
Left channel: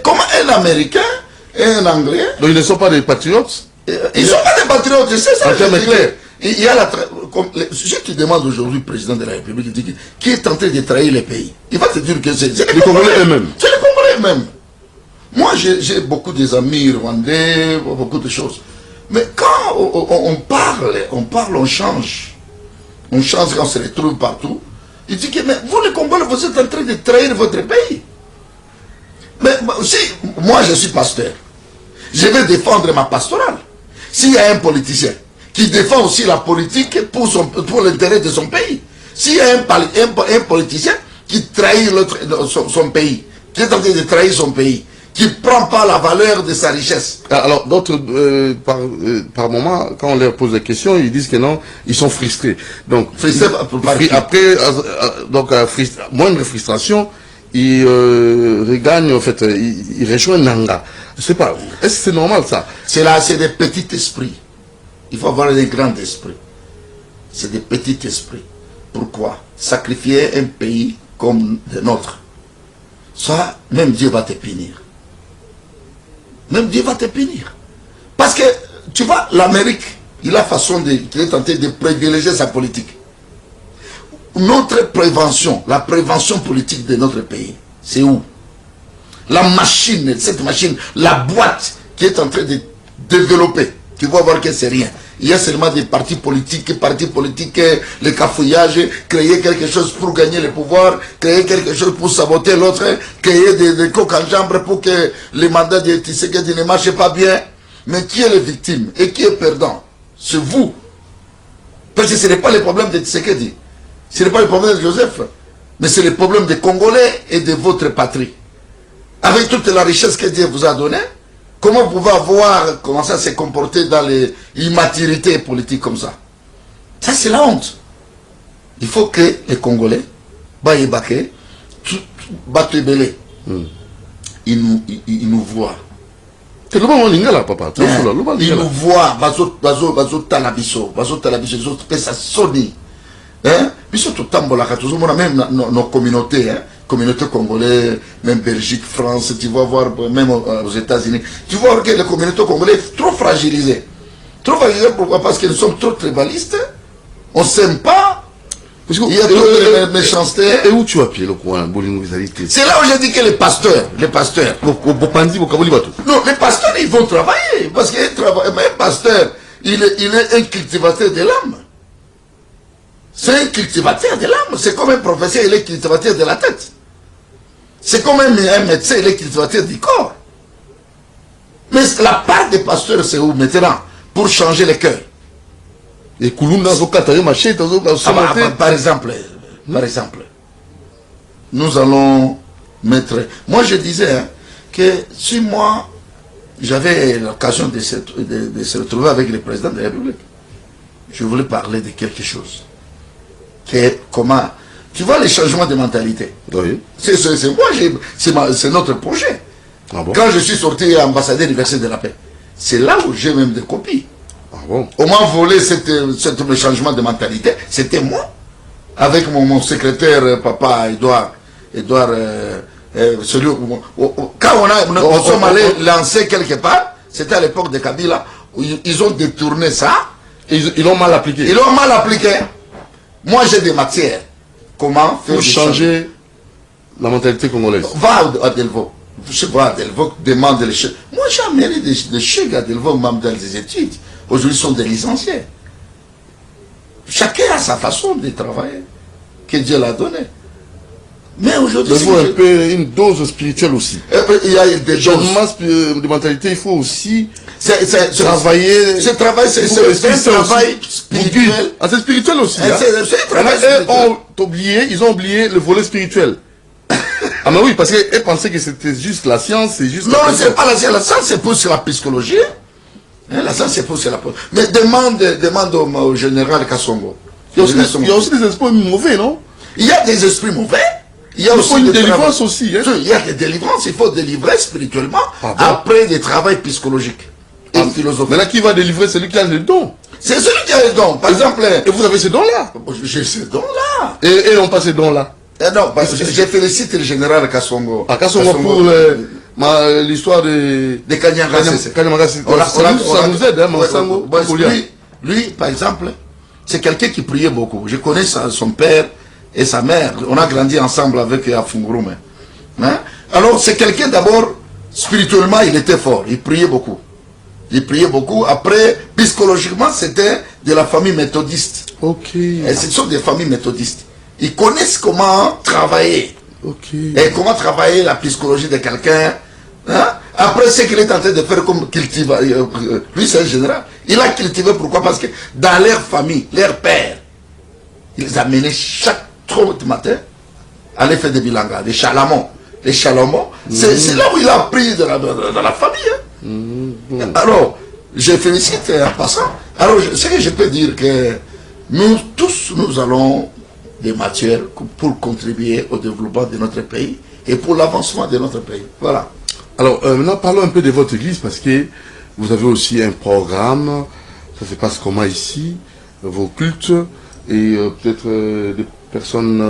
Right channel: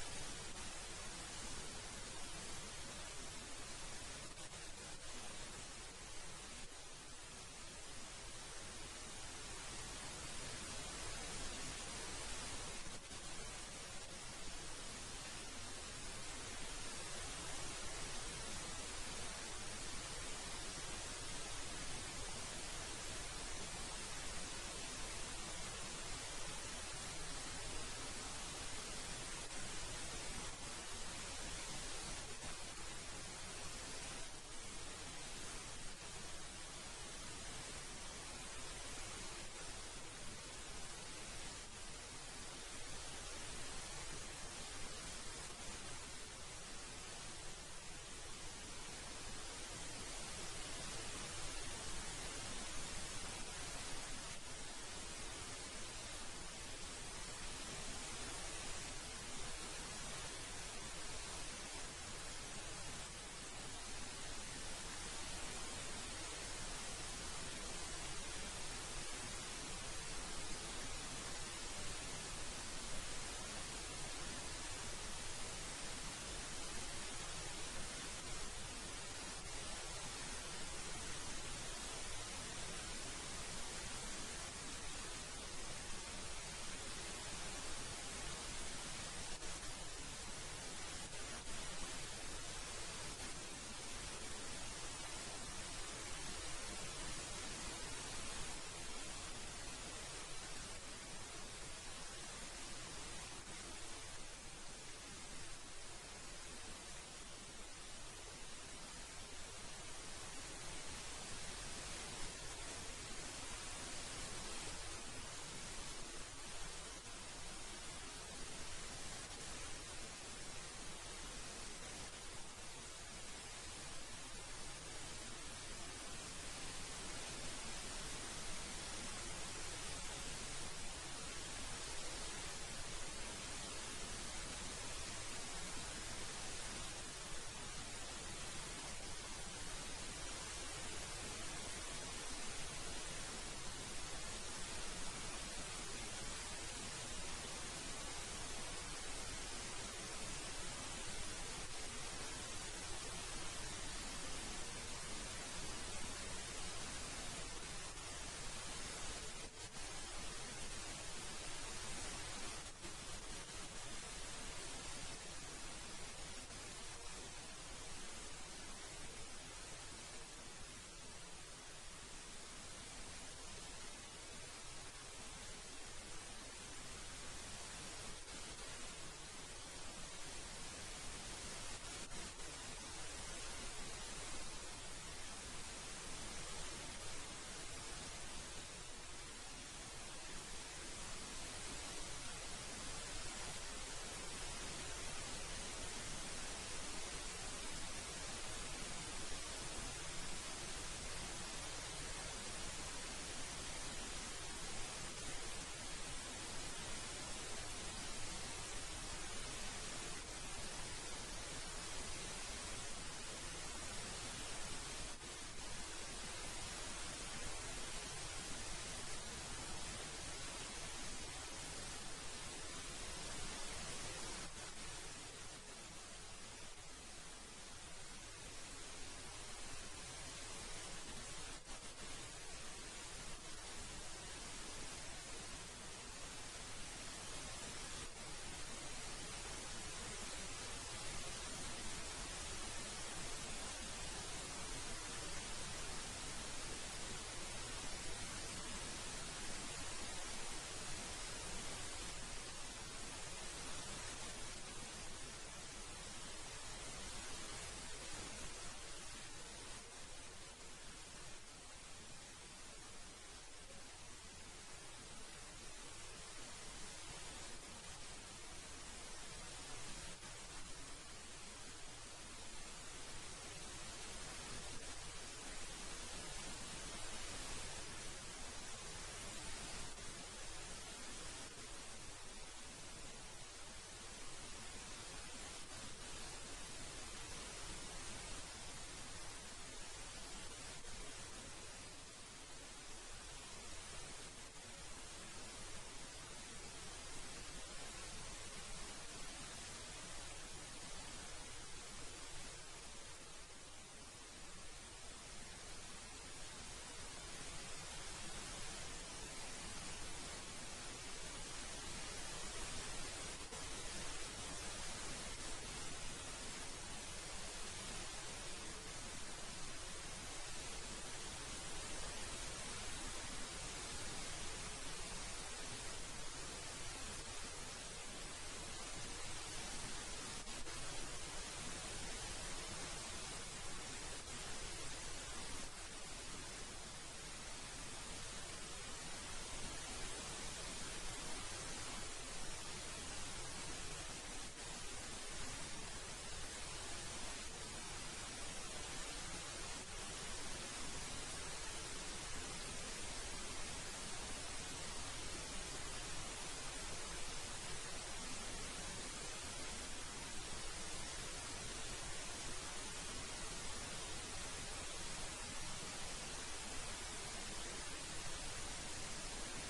Comment un Américain et un Anglais... Donc ils ne sont pas des patriotes? Ils ne sont pas des patriotes, c'est ça. En termes clairs. Il y a si tu demandes aujourd'hui au président de la République qui est en train de trahir les pays, il va te dire que c'est les Congolais eux-mêmes. C'est les Congolais eux-mêmes. Moi, j'ai beaucoup d'amis rwandais, beaucoup de choses. Mais quand on parle, on change. On change quand on se retrouve partout. Il dit que mais vous, les Congolais, vous êtes en train de trahir votre pays. Mais si moi, je suis pasteur, je vais défendre ma pastorale. S'il y a un politicien qui défend aussi la politique pour l'intérêt de son pays, s'il y a un politicien qui trahit son pays, qui est en train de trahir son pays, qui ne prend pas la valeur de sa richesse. Alors, d'autres, par moment, quand on leur pose des questions, ils disent que non, ils sont frustrés. Donc, après, moindre frustration, ils regagnent, en fait, ils rejoignent Nanga. Je ne sais pas, est-ce que c'est normal ça? C'est des petits esprits. Il faut avoir des grands esprits. C'est des petits esprits. Pourquoi? Sacrifier un pays comme le nôtre. Ça, même Dieu va te punir. Même Dieu va te punir. Parce que, tu vois, l'Amérique, il a façon il est tenté de privilégier sa politique. notre prévention, la prévention politique de notre pays, c'est où? La machine, cette machine, la boîte qui est en train de développer, tu vas voir que c'est rien. Il y a seulement des partis politiques, le cafouillage, créer quelque chose pour gagner le pouvoir, créer quelque chose pour saboter l'autre, créer des coques en jambe pour que le mandat de Tshisekedi ne marche pas bien. Mais qui est le victime et qui est perdant? C'est vous. Parce que ce n'est pas le problème de Tshisekedi, ce n'est pas le problème de Joseph, mais c'est le problème des Congolais et de votre patrie. Avec toute la richesse que Dieu vous a donnée, comment vous pouvez avoir commencé à se comporter dans l'immaturité politique comme ça? Ça, c'est la honte. Il faut que les Congolais, Baye-Baké, Batebele, ils nous voient. C'est le moment lingala, papa. Ils nous voient, bazo talabiso, ils ont fait ça sonner. Puisque tout le temps, même nos communautés, communauté congolaise, même Belgique, France, tu vas voir, même aux États-Unis, tu vois que les communautés congolaises sont trop fragilisées. Trop fragilisées, pourquoi? Parce que nous sommes trop tribalistes, on ne s'aime pas, il y a trop de méchanceté. Et où tu as pied le coin? C'est là où j'ai dit que les pasteurs, non, les pasteurs, ils vont travailler, parce qu'un pasteur, il est un cultivateur de l'âme. C'est un cultivateur de l'âme, c'est comme un professeur, il est cultivateur de la tête. C'est comme un médecin, il est cultivateur du corps. Mais la part des pasteurs, c'est où maintenant? Pour changer les cœurs. Et par exemple, nous allons mettre... Moi, je disais que si moi, j'avais l'occasion de se retrouver avec le président de la République, je voulais parler de quelque chose. Comment... Tu vois les changements de mentalité. Oui. C'est notre projet. Ah bon? Quand je suis sorti ambassadeur du Verset de la Paix, c'est là où j'ai même des copies. Ah bon? On m'a volé ce changement de mentalité, c'était moi. Avec mon secrétaire, papa Edouard, quand nous sommes allés lancer quelque part, c'était à l'époque de Kabila, où ils ont détourné ça. Ils l'ont mal appliqué. Ils l'ont mal appliqué. Moi, j'ai des matières. Comment faire pour changer la mentalité congolaise? Va à Delvaux. Je vois à Delvaux, demande les chèques. Moi, j'ai amené des chèques à Delvaux, même dans les études. Aujourd'hui, ils sont des licenciés. Chacun a sa façon de travailler, que Dieu l'a donnée. Mais aujourd'hui, il faut un peu une dose spirituelle aussi. Il y a des changements de mentalité, il faut aussi travailler. Ce travail, c'est un travail spirituel. Ah, c'est spirituel aussi. C'est un travail spirituel. Ils ont oublié le volet spirituel. Ah, mais oui, parce qu'ils pensaient que c'était juste la science, c'est juste. Non, c'est pas la science. La science, c'est pour la psychologie. La science, c'est pour la. Mais demande au général Kassongo. Il y a aussi des esprits mauvais, non? Il y a des esprits mauvais. Il y a aussi une délivrance aussi. Hein? Il y a des délivrances, il faut délivrer spirituellement après des travaux psychologiques et philosophiques. Mais là, qui va délivrer? Celui qui a le don. C'est celui qui a le don. Par exemple. Et vous avez ce don-là? J'ai ce don-là. Et non pas ce don-là? Non, parce que je félicite le général Kassongo. Ah, Kassongo pour l'histoire de Kanyanga. Ça nous aide, hein, lui, par exemple, c'est quelqu'un qui priait beaucoup. Je connais son père et sa mère. On a grandi ensemble avec Afungurume. Hein? Alors, c'est quelqu'un d'abord, spirituellement, il était fort. Il priait beaucoup. Après, psychologiquement, c'était de la famille méthodiste. Ok. Et ce sont des familles méthodistes. Ils connaissent comment travailler. Ok. Et comment travailler la psychologie de quelqu'un. Hein? Après, ce qu'il est en train de faire comme cultiver. Lui, c'est un général. Il a cultivé, pourquoi? Parce que dans leur famille, leur père, ils amenaient chaque 30 matin à aller faire des bilanga, des chalamons. Les chalamons, c'est là où il a appris de la famille. Hein? Alors, je félicite en passant. Alors, ce que je peux dire que nous tous, nous allons des matières pour contribuer au développement de notre pays et pour l'avancement de notre pays. Voilà. Alors, maintenant, parlons un peu de votre église parce que vous avez aussi un programme. Ça se passe comment ici? Vos cultes et peut-être des personnes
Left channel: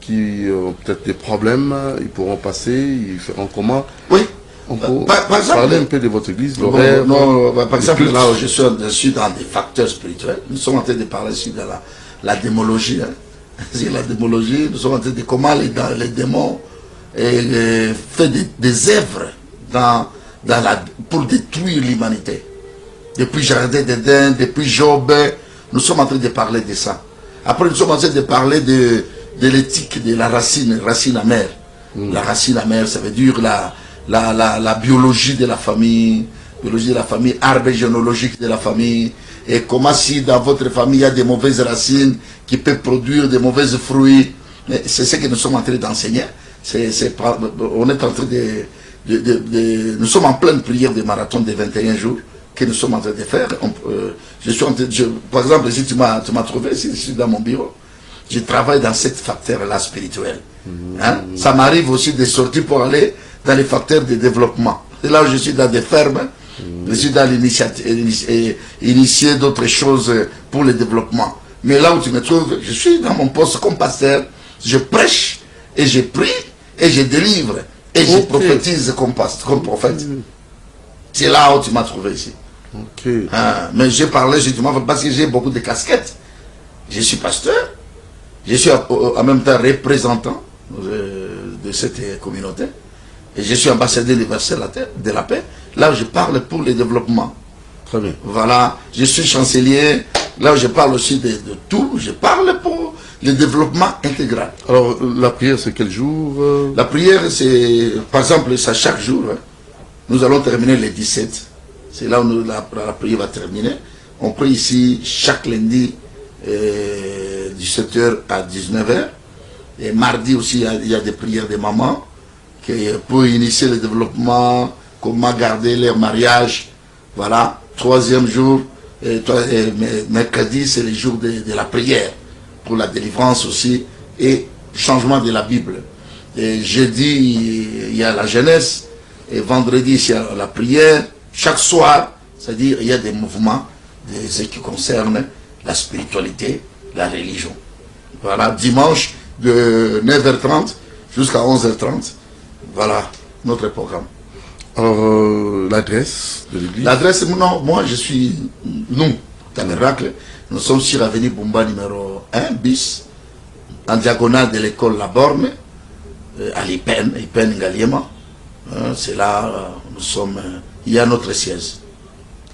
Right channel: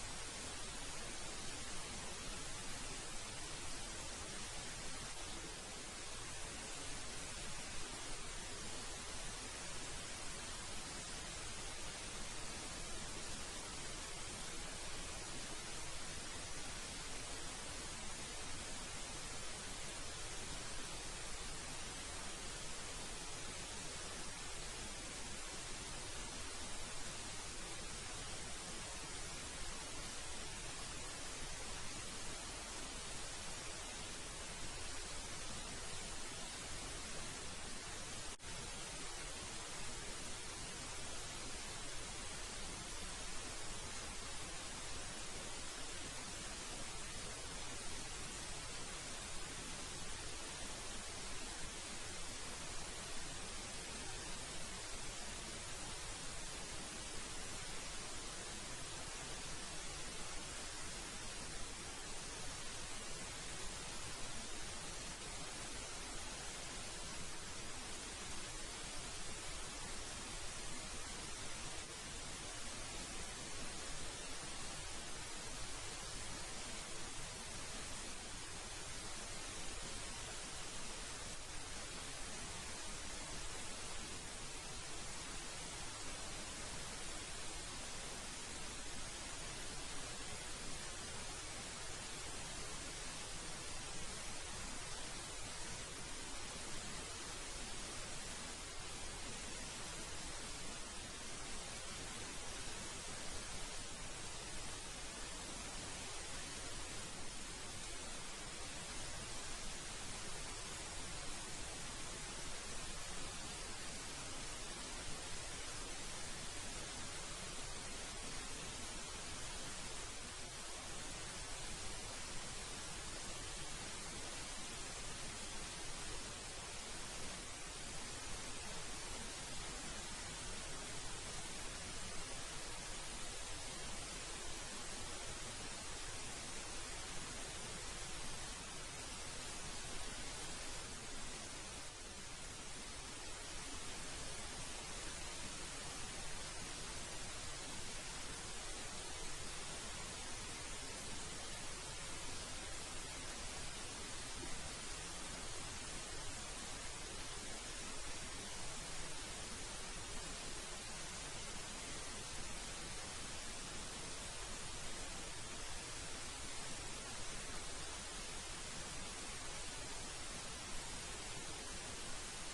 qui ont peut-être des problèmes, ils pourront passer, ils feront comment? Oui. On peut parler un peu de votre église, l'horaire. Par exemple, là où je suis dans des facteurs spirituels, nous sommes en train de parler ici de la démologie. Hein. sur la démologie, nous sommes en train de comment les démons fait des œuvres pour détruire l'humanité. Depuis Jardin d'Éden, depuis Job, nous sommes en train de parler de ça. Après, nous sommes en train de parler de l'éthique de la racine amère. La racine amère, ça veut dire la biologie de la famille, arbre généalogique de la famille, et comment si dans votre famille il y a des mauvaises racines qui peuvent produire des mauvais fruits. C'est ce que nous sommes en train d'enseigner. On est en train nous sommes en pleine prière de marathon de 21 jours que nous sommes en train de faire. Par exemple, si tu m'as trouvé, si je suis dans mon bureau, je travaille dans cette facteur-là spirituel. Hein? Ça m'arrive aussi de sortir pour aller dans les facteurs de développement. Et là où je suis dans des fermes, je suis dans initier d'autres choses pour le développement. Mais là où tu me trouves, je suis dans mon poste comme pasteur, je prêche, et je prie, et je délivre, et je prophétise comme prophète. C'est là où tu m'as trouvé ici. Mais j'ai parlé justement parce que j'ai beaucoup de casquettes. Je suis pasteur, je suis en même temps représentant de cette communauté, et je suis ambassadeur universel de la paix, là où je parle pour le développement. Très bien. Voilà, je suis chancelier, là où je parle aussi de tout, je parle pour le développement intégral. Alors, la prière, c'est quel jour La prière, c'est, par exemple, ça chaque jour. Hein. Nous allons terminer le 17. C'est là où la prière va terminer. On prie ici chaque lundi, 17h à 19h. Et mardi aussi, il y a des prières des mamans pour initier le développement, comment garder leur mariage. Voilà. Troisième jour, mercredi, c'est le jour de la prière, pour la délivrance aussi, et changement de la Bible. Et jeudi, il y a la jeunesse, et vendredi, il y a la prière. Chaque soir, c'est-à-dire, il y a des mouvements, ce qui concerne la spiritualité, la religion. Voilà, dimanche, de 9h30 jusqu'à 11h30. Voilà, notre programme. Alors, l'adresse de l'église? L'adresse, non, moi je suis, nous, Tabernacle, nous sommes sur l'avenue Bumba numéro 1 bis, en diagonale de l'école La Borne, à Lipen Ngaliema. C'est là, nous sommes, il y a notre siège.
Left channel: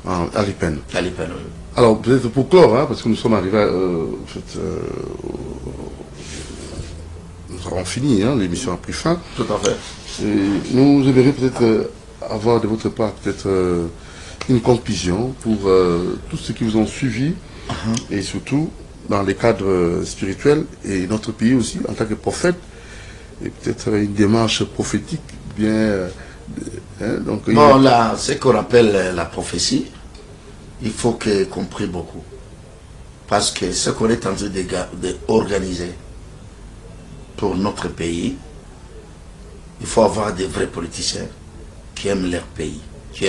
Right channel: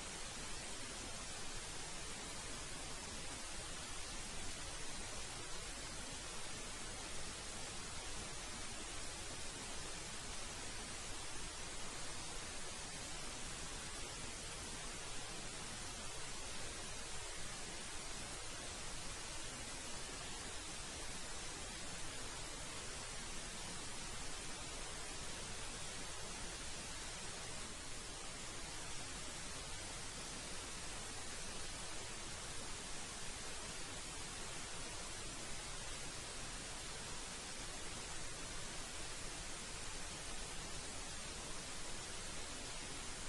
À Lipen. À Lipen, oui. Alors, peut-être pour clore, hein, parce que nous sommes arrivés, nous avons fini, hein, l'émission a pris fin. Tout à fait. Et nous aimerions peut-être avoir de votre part peut-être une conclusion pour tous ceux qui vous ont suivi, et surtout dans les cadres spirituels et notre pays aussi en tant que prophète, et peut-être une démarche prophétique bien... donc, bon, là, ce qu'on appelle la prophétie, il faut qu'on prie beaucoup. Parce que ce qu'on est en train d'organiser pour notre pays, il faut avoir des vrais politiciens qui aiment leur pays, qui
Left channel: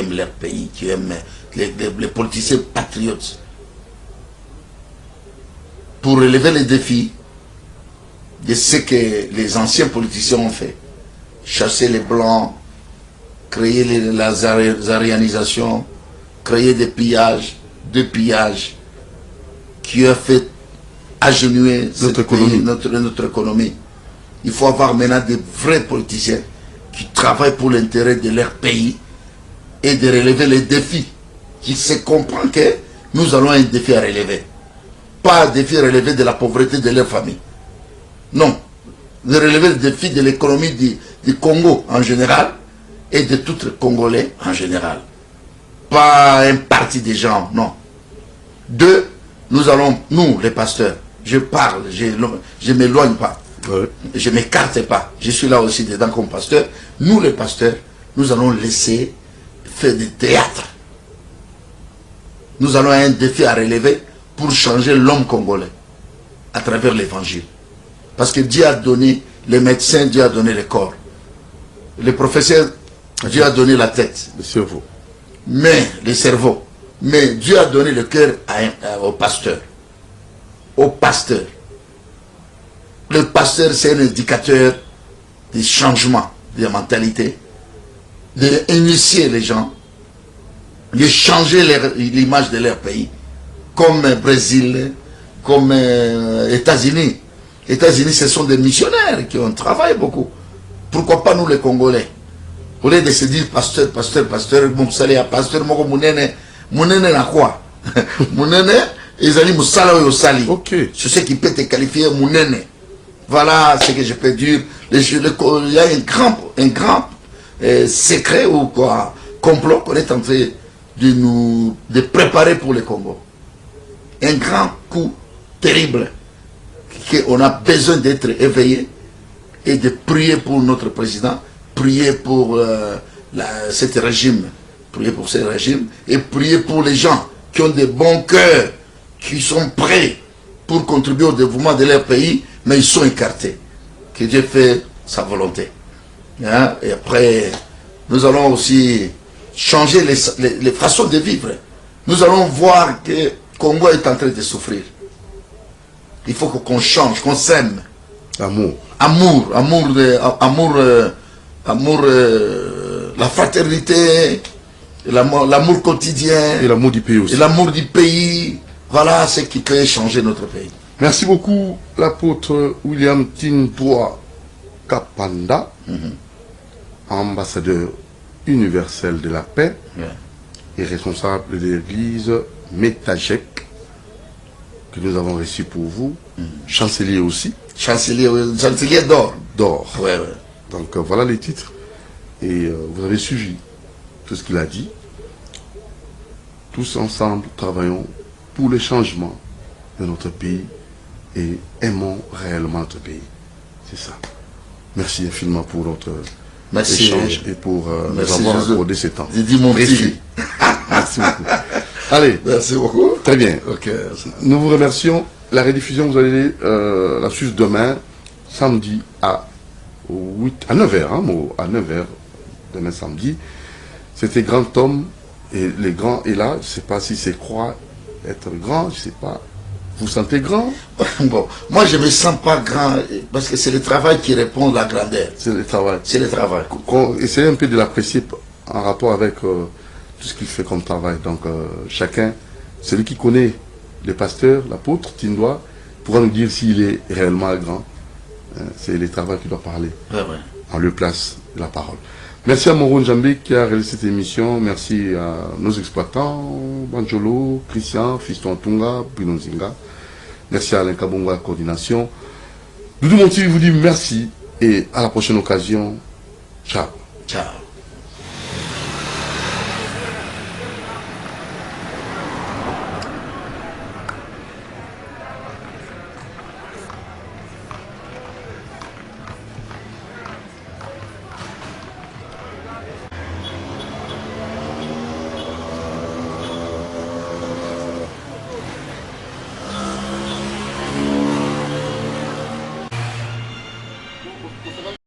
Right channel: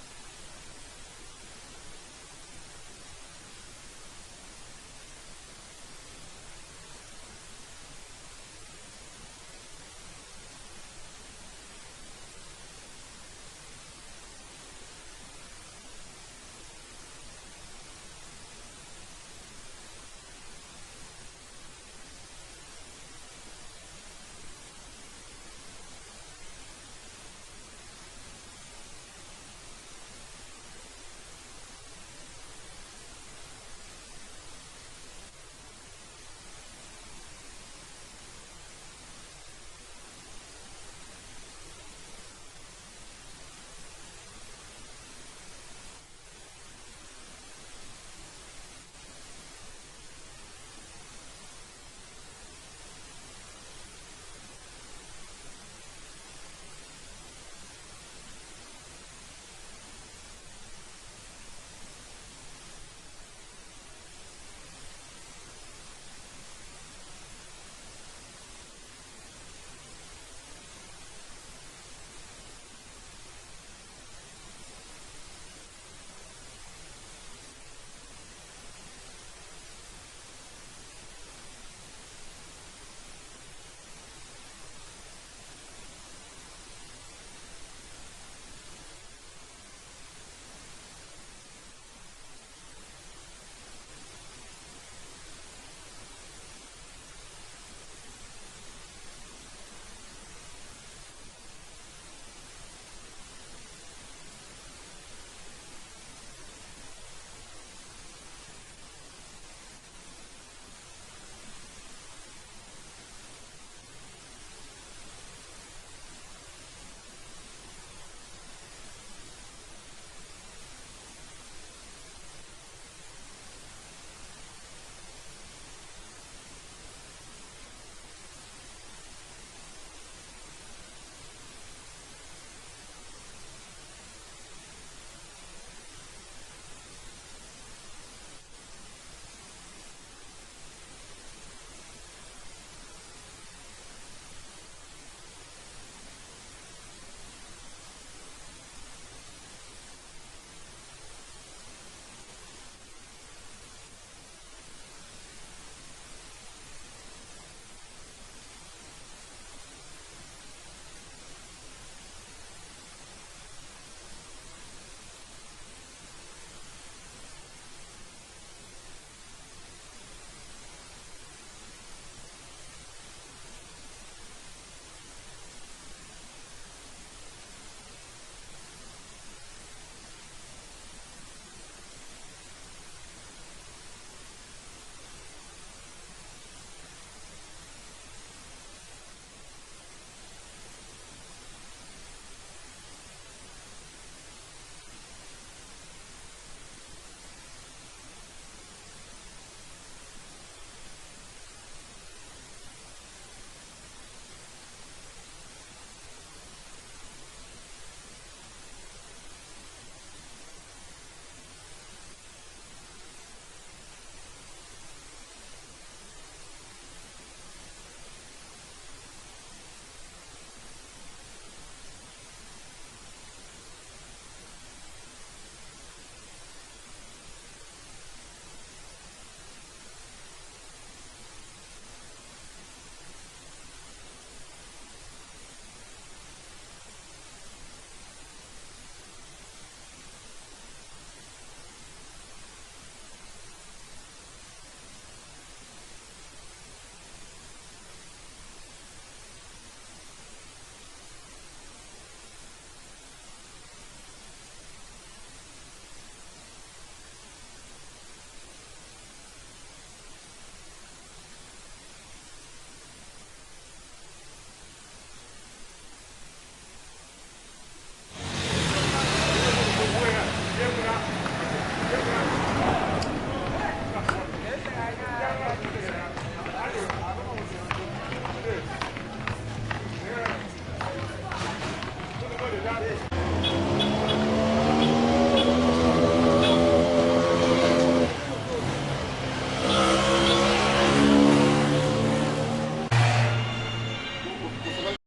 aiment les politiciens patriotes. Pour relever les défis de ce que les anciens politiciens ont fait. Chasser les blancs, créer la arianisation, créer des pillages, qui a fait agenouiller notre économie. Il faut avoir maintenant des vrais politiciens qui travaillent pour l'intérêt de leur pays et de relever les défis. Qui se comprend que nous allons un défi à relever. Pas un défi à relever de la pauvreté de leur famille. Non. De relever le défi de l'économie du Congo en général et de tous les Congolais en général. Pas un parti des gens, non. Deux, nous allons, nous les pasteurs, je parle, je ne m'éloigne pas. Ouais. Je ne m'écarte pas. Je suis là aussi dedans comme pasteur. Nous les pasteurs, nous allons laisser faire du théâtre. Nous allons un défi à relever pour changer l'homme congolais à travers l'évangile. Parce que Dieu a donné les médecins, Dieu a donné le corps. Les professeurs, Dieu a donné la tête. Le cerveau. Mais le cerveau. Mais Dieu a donné le cœur au pasteur. Au pasteur. Le pasteur, c'est un indicateur des changements de mentalité, d'initier les gens, de changer l'image de leur pays, comme Brésil, comme États-Unis. États-Unis, ce sont des missionnaires qui ont travaillé beaucoup. Pourquoi pas nous les Congolais? Au lieu de se dire pasteur, pasteur, pasteur, mon salé à pasteur, mon mounene na quoi? Mounene, ils allaient moussala ou sali. Ok. C'est ce qui peut te qualifier mounene. Voilà ce que je peux dire. Il y a un grand secret ou quoi, complot qu'on est en train de préparer pour le Congo. Un grand coup terrible qu'on a besoin d'être éveillé et de prier pour notre président, prier pour ce régime, prier pour ce régime et prier pour les gens qui ont des bons cœurs, qui sont prêts pour contribuer au développement de leur pays, mais ils sont écartés. Que Dieu fait sa volonté. Hein? Et après, nous allons aussi changer les façons de vivre. Nous allons voir que le Congo est en train de souffrir. Il faut qu'on change, qu'on s'aime. Amour. La fraternité, l'amour quotidien. Et l'amour du pays aussi. Et l'amour du pays. Voilà ce qui peut changer notre pays. Merci beaucoup, l'apôtre William Tintoa Kapanda, ambassadeur universel de la paix et responsable de l'église Métajek, que nous avons reçu pour vous, chancelier aussi. Chancelier d'or. D'or. Ouais, ouais. Donc voilà les titres. Et vous avez suivi tout ce qu'il a dit. Tous ensemble, travaillons pour le changement de notre pays et aimons réellement notre pays. C'est ça. Merci infiniment pour notre échange et pour nous avoir accordé ce temps. J'ai dit mon précis. Merci beaucoup. Allez. Merci beaucoup. Très bien. Okay. Nous vous remercions. La rediffusion, vous allez la suivre demain, samedi à 9h. Hein, à 9h, demain samedi. C'était Grand Homme. Et les grands, et là, je ne sais pas si c'est croire être grand, je ne sais pas. Vous sentez grand? Bon, moi je ne me sens pas grand, parce que c'est le travail qui répond à la grandeur. C'est le travail. C'est le travail. Essayez un peu de l'apprécier en rapport avec tout ce qu'il fait comme travail. Donc chacun, celui qui connaît le pasteur, l'apôtre, Tindoa, pourra nous dire s'il est réellement grand. C'est le travail qui doit parler. Ouais, ouais. On lui place la parole. Merci à Moron Djambé qui a réalisé cette émission. Merci à nos exploitants, Banjolo, Christian, Fiston Tunga, Pinonzinga. Merci à Alain Kabongo à la coordination. Doudou Monti vous dit merci et à la prochaine occasion. Ciao. Ciao.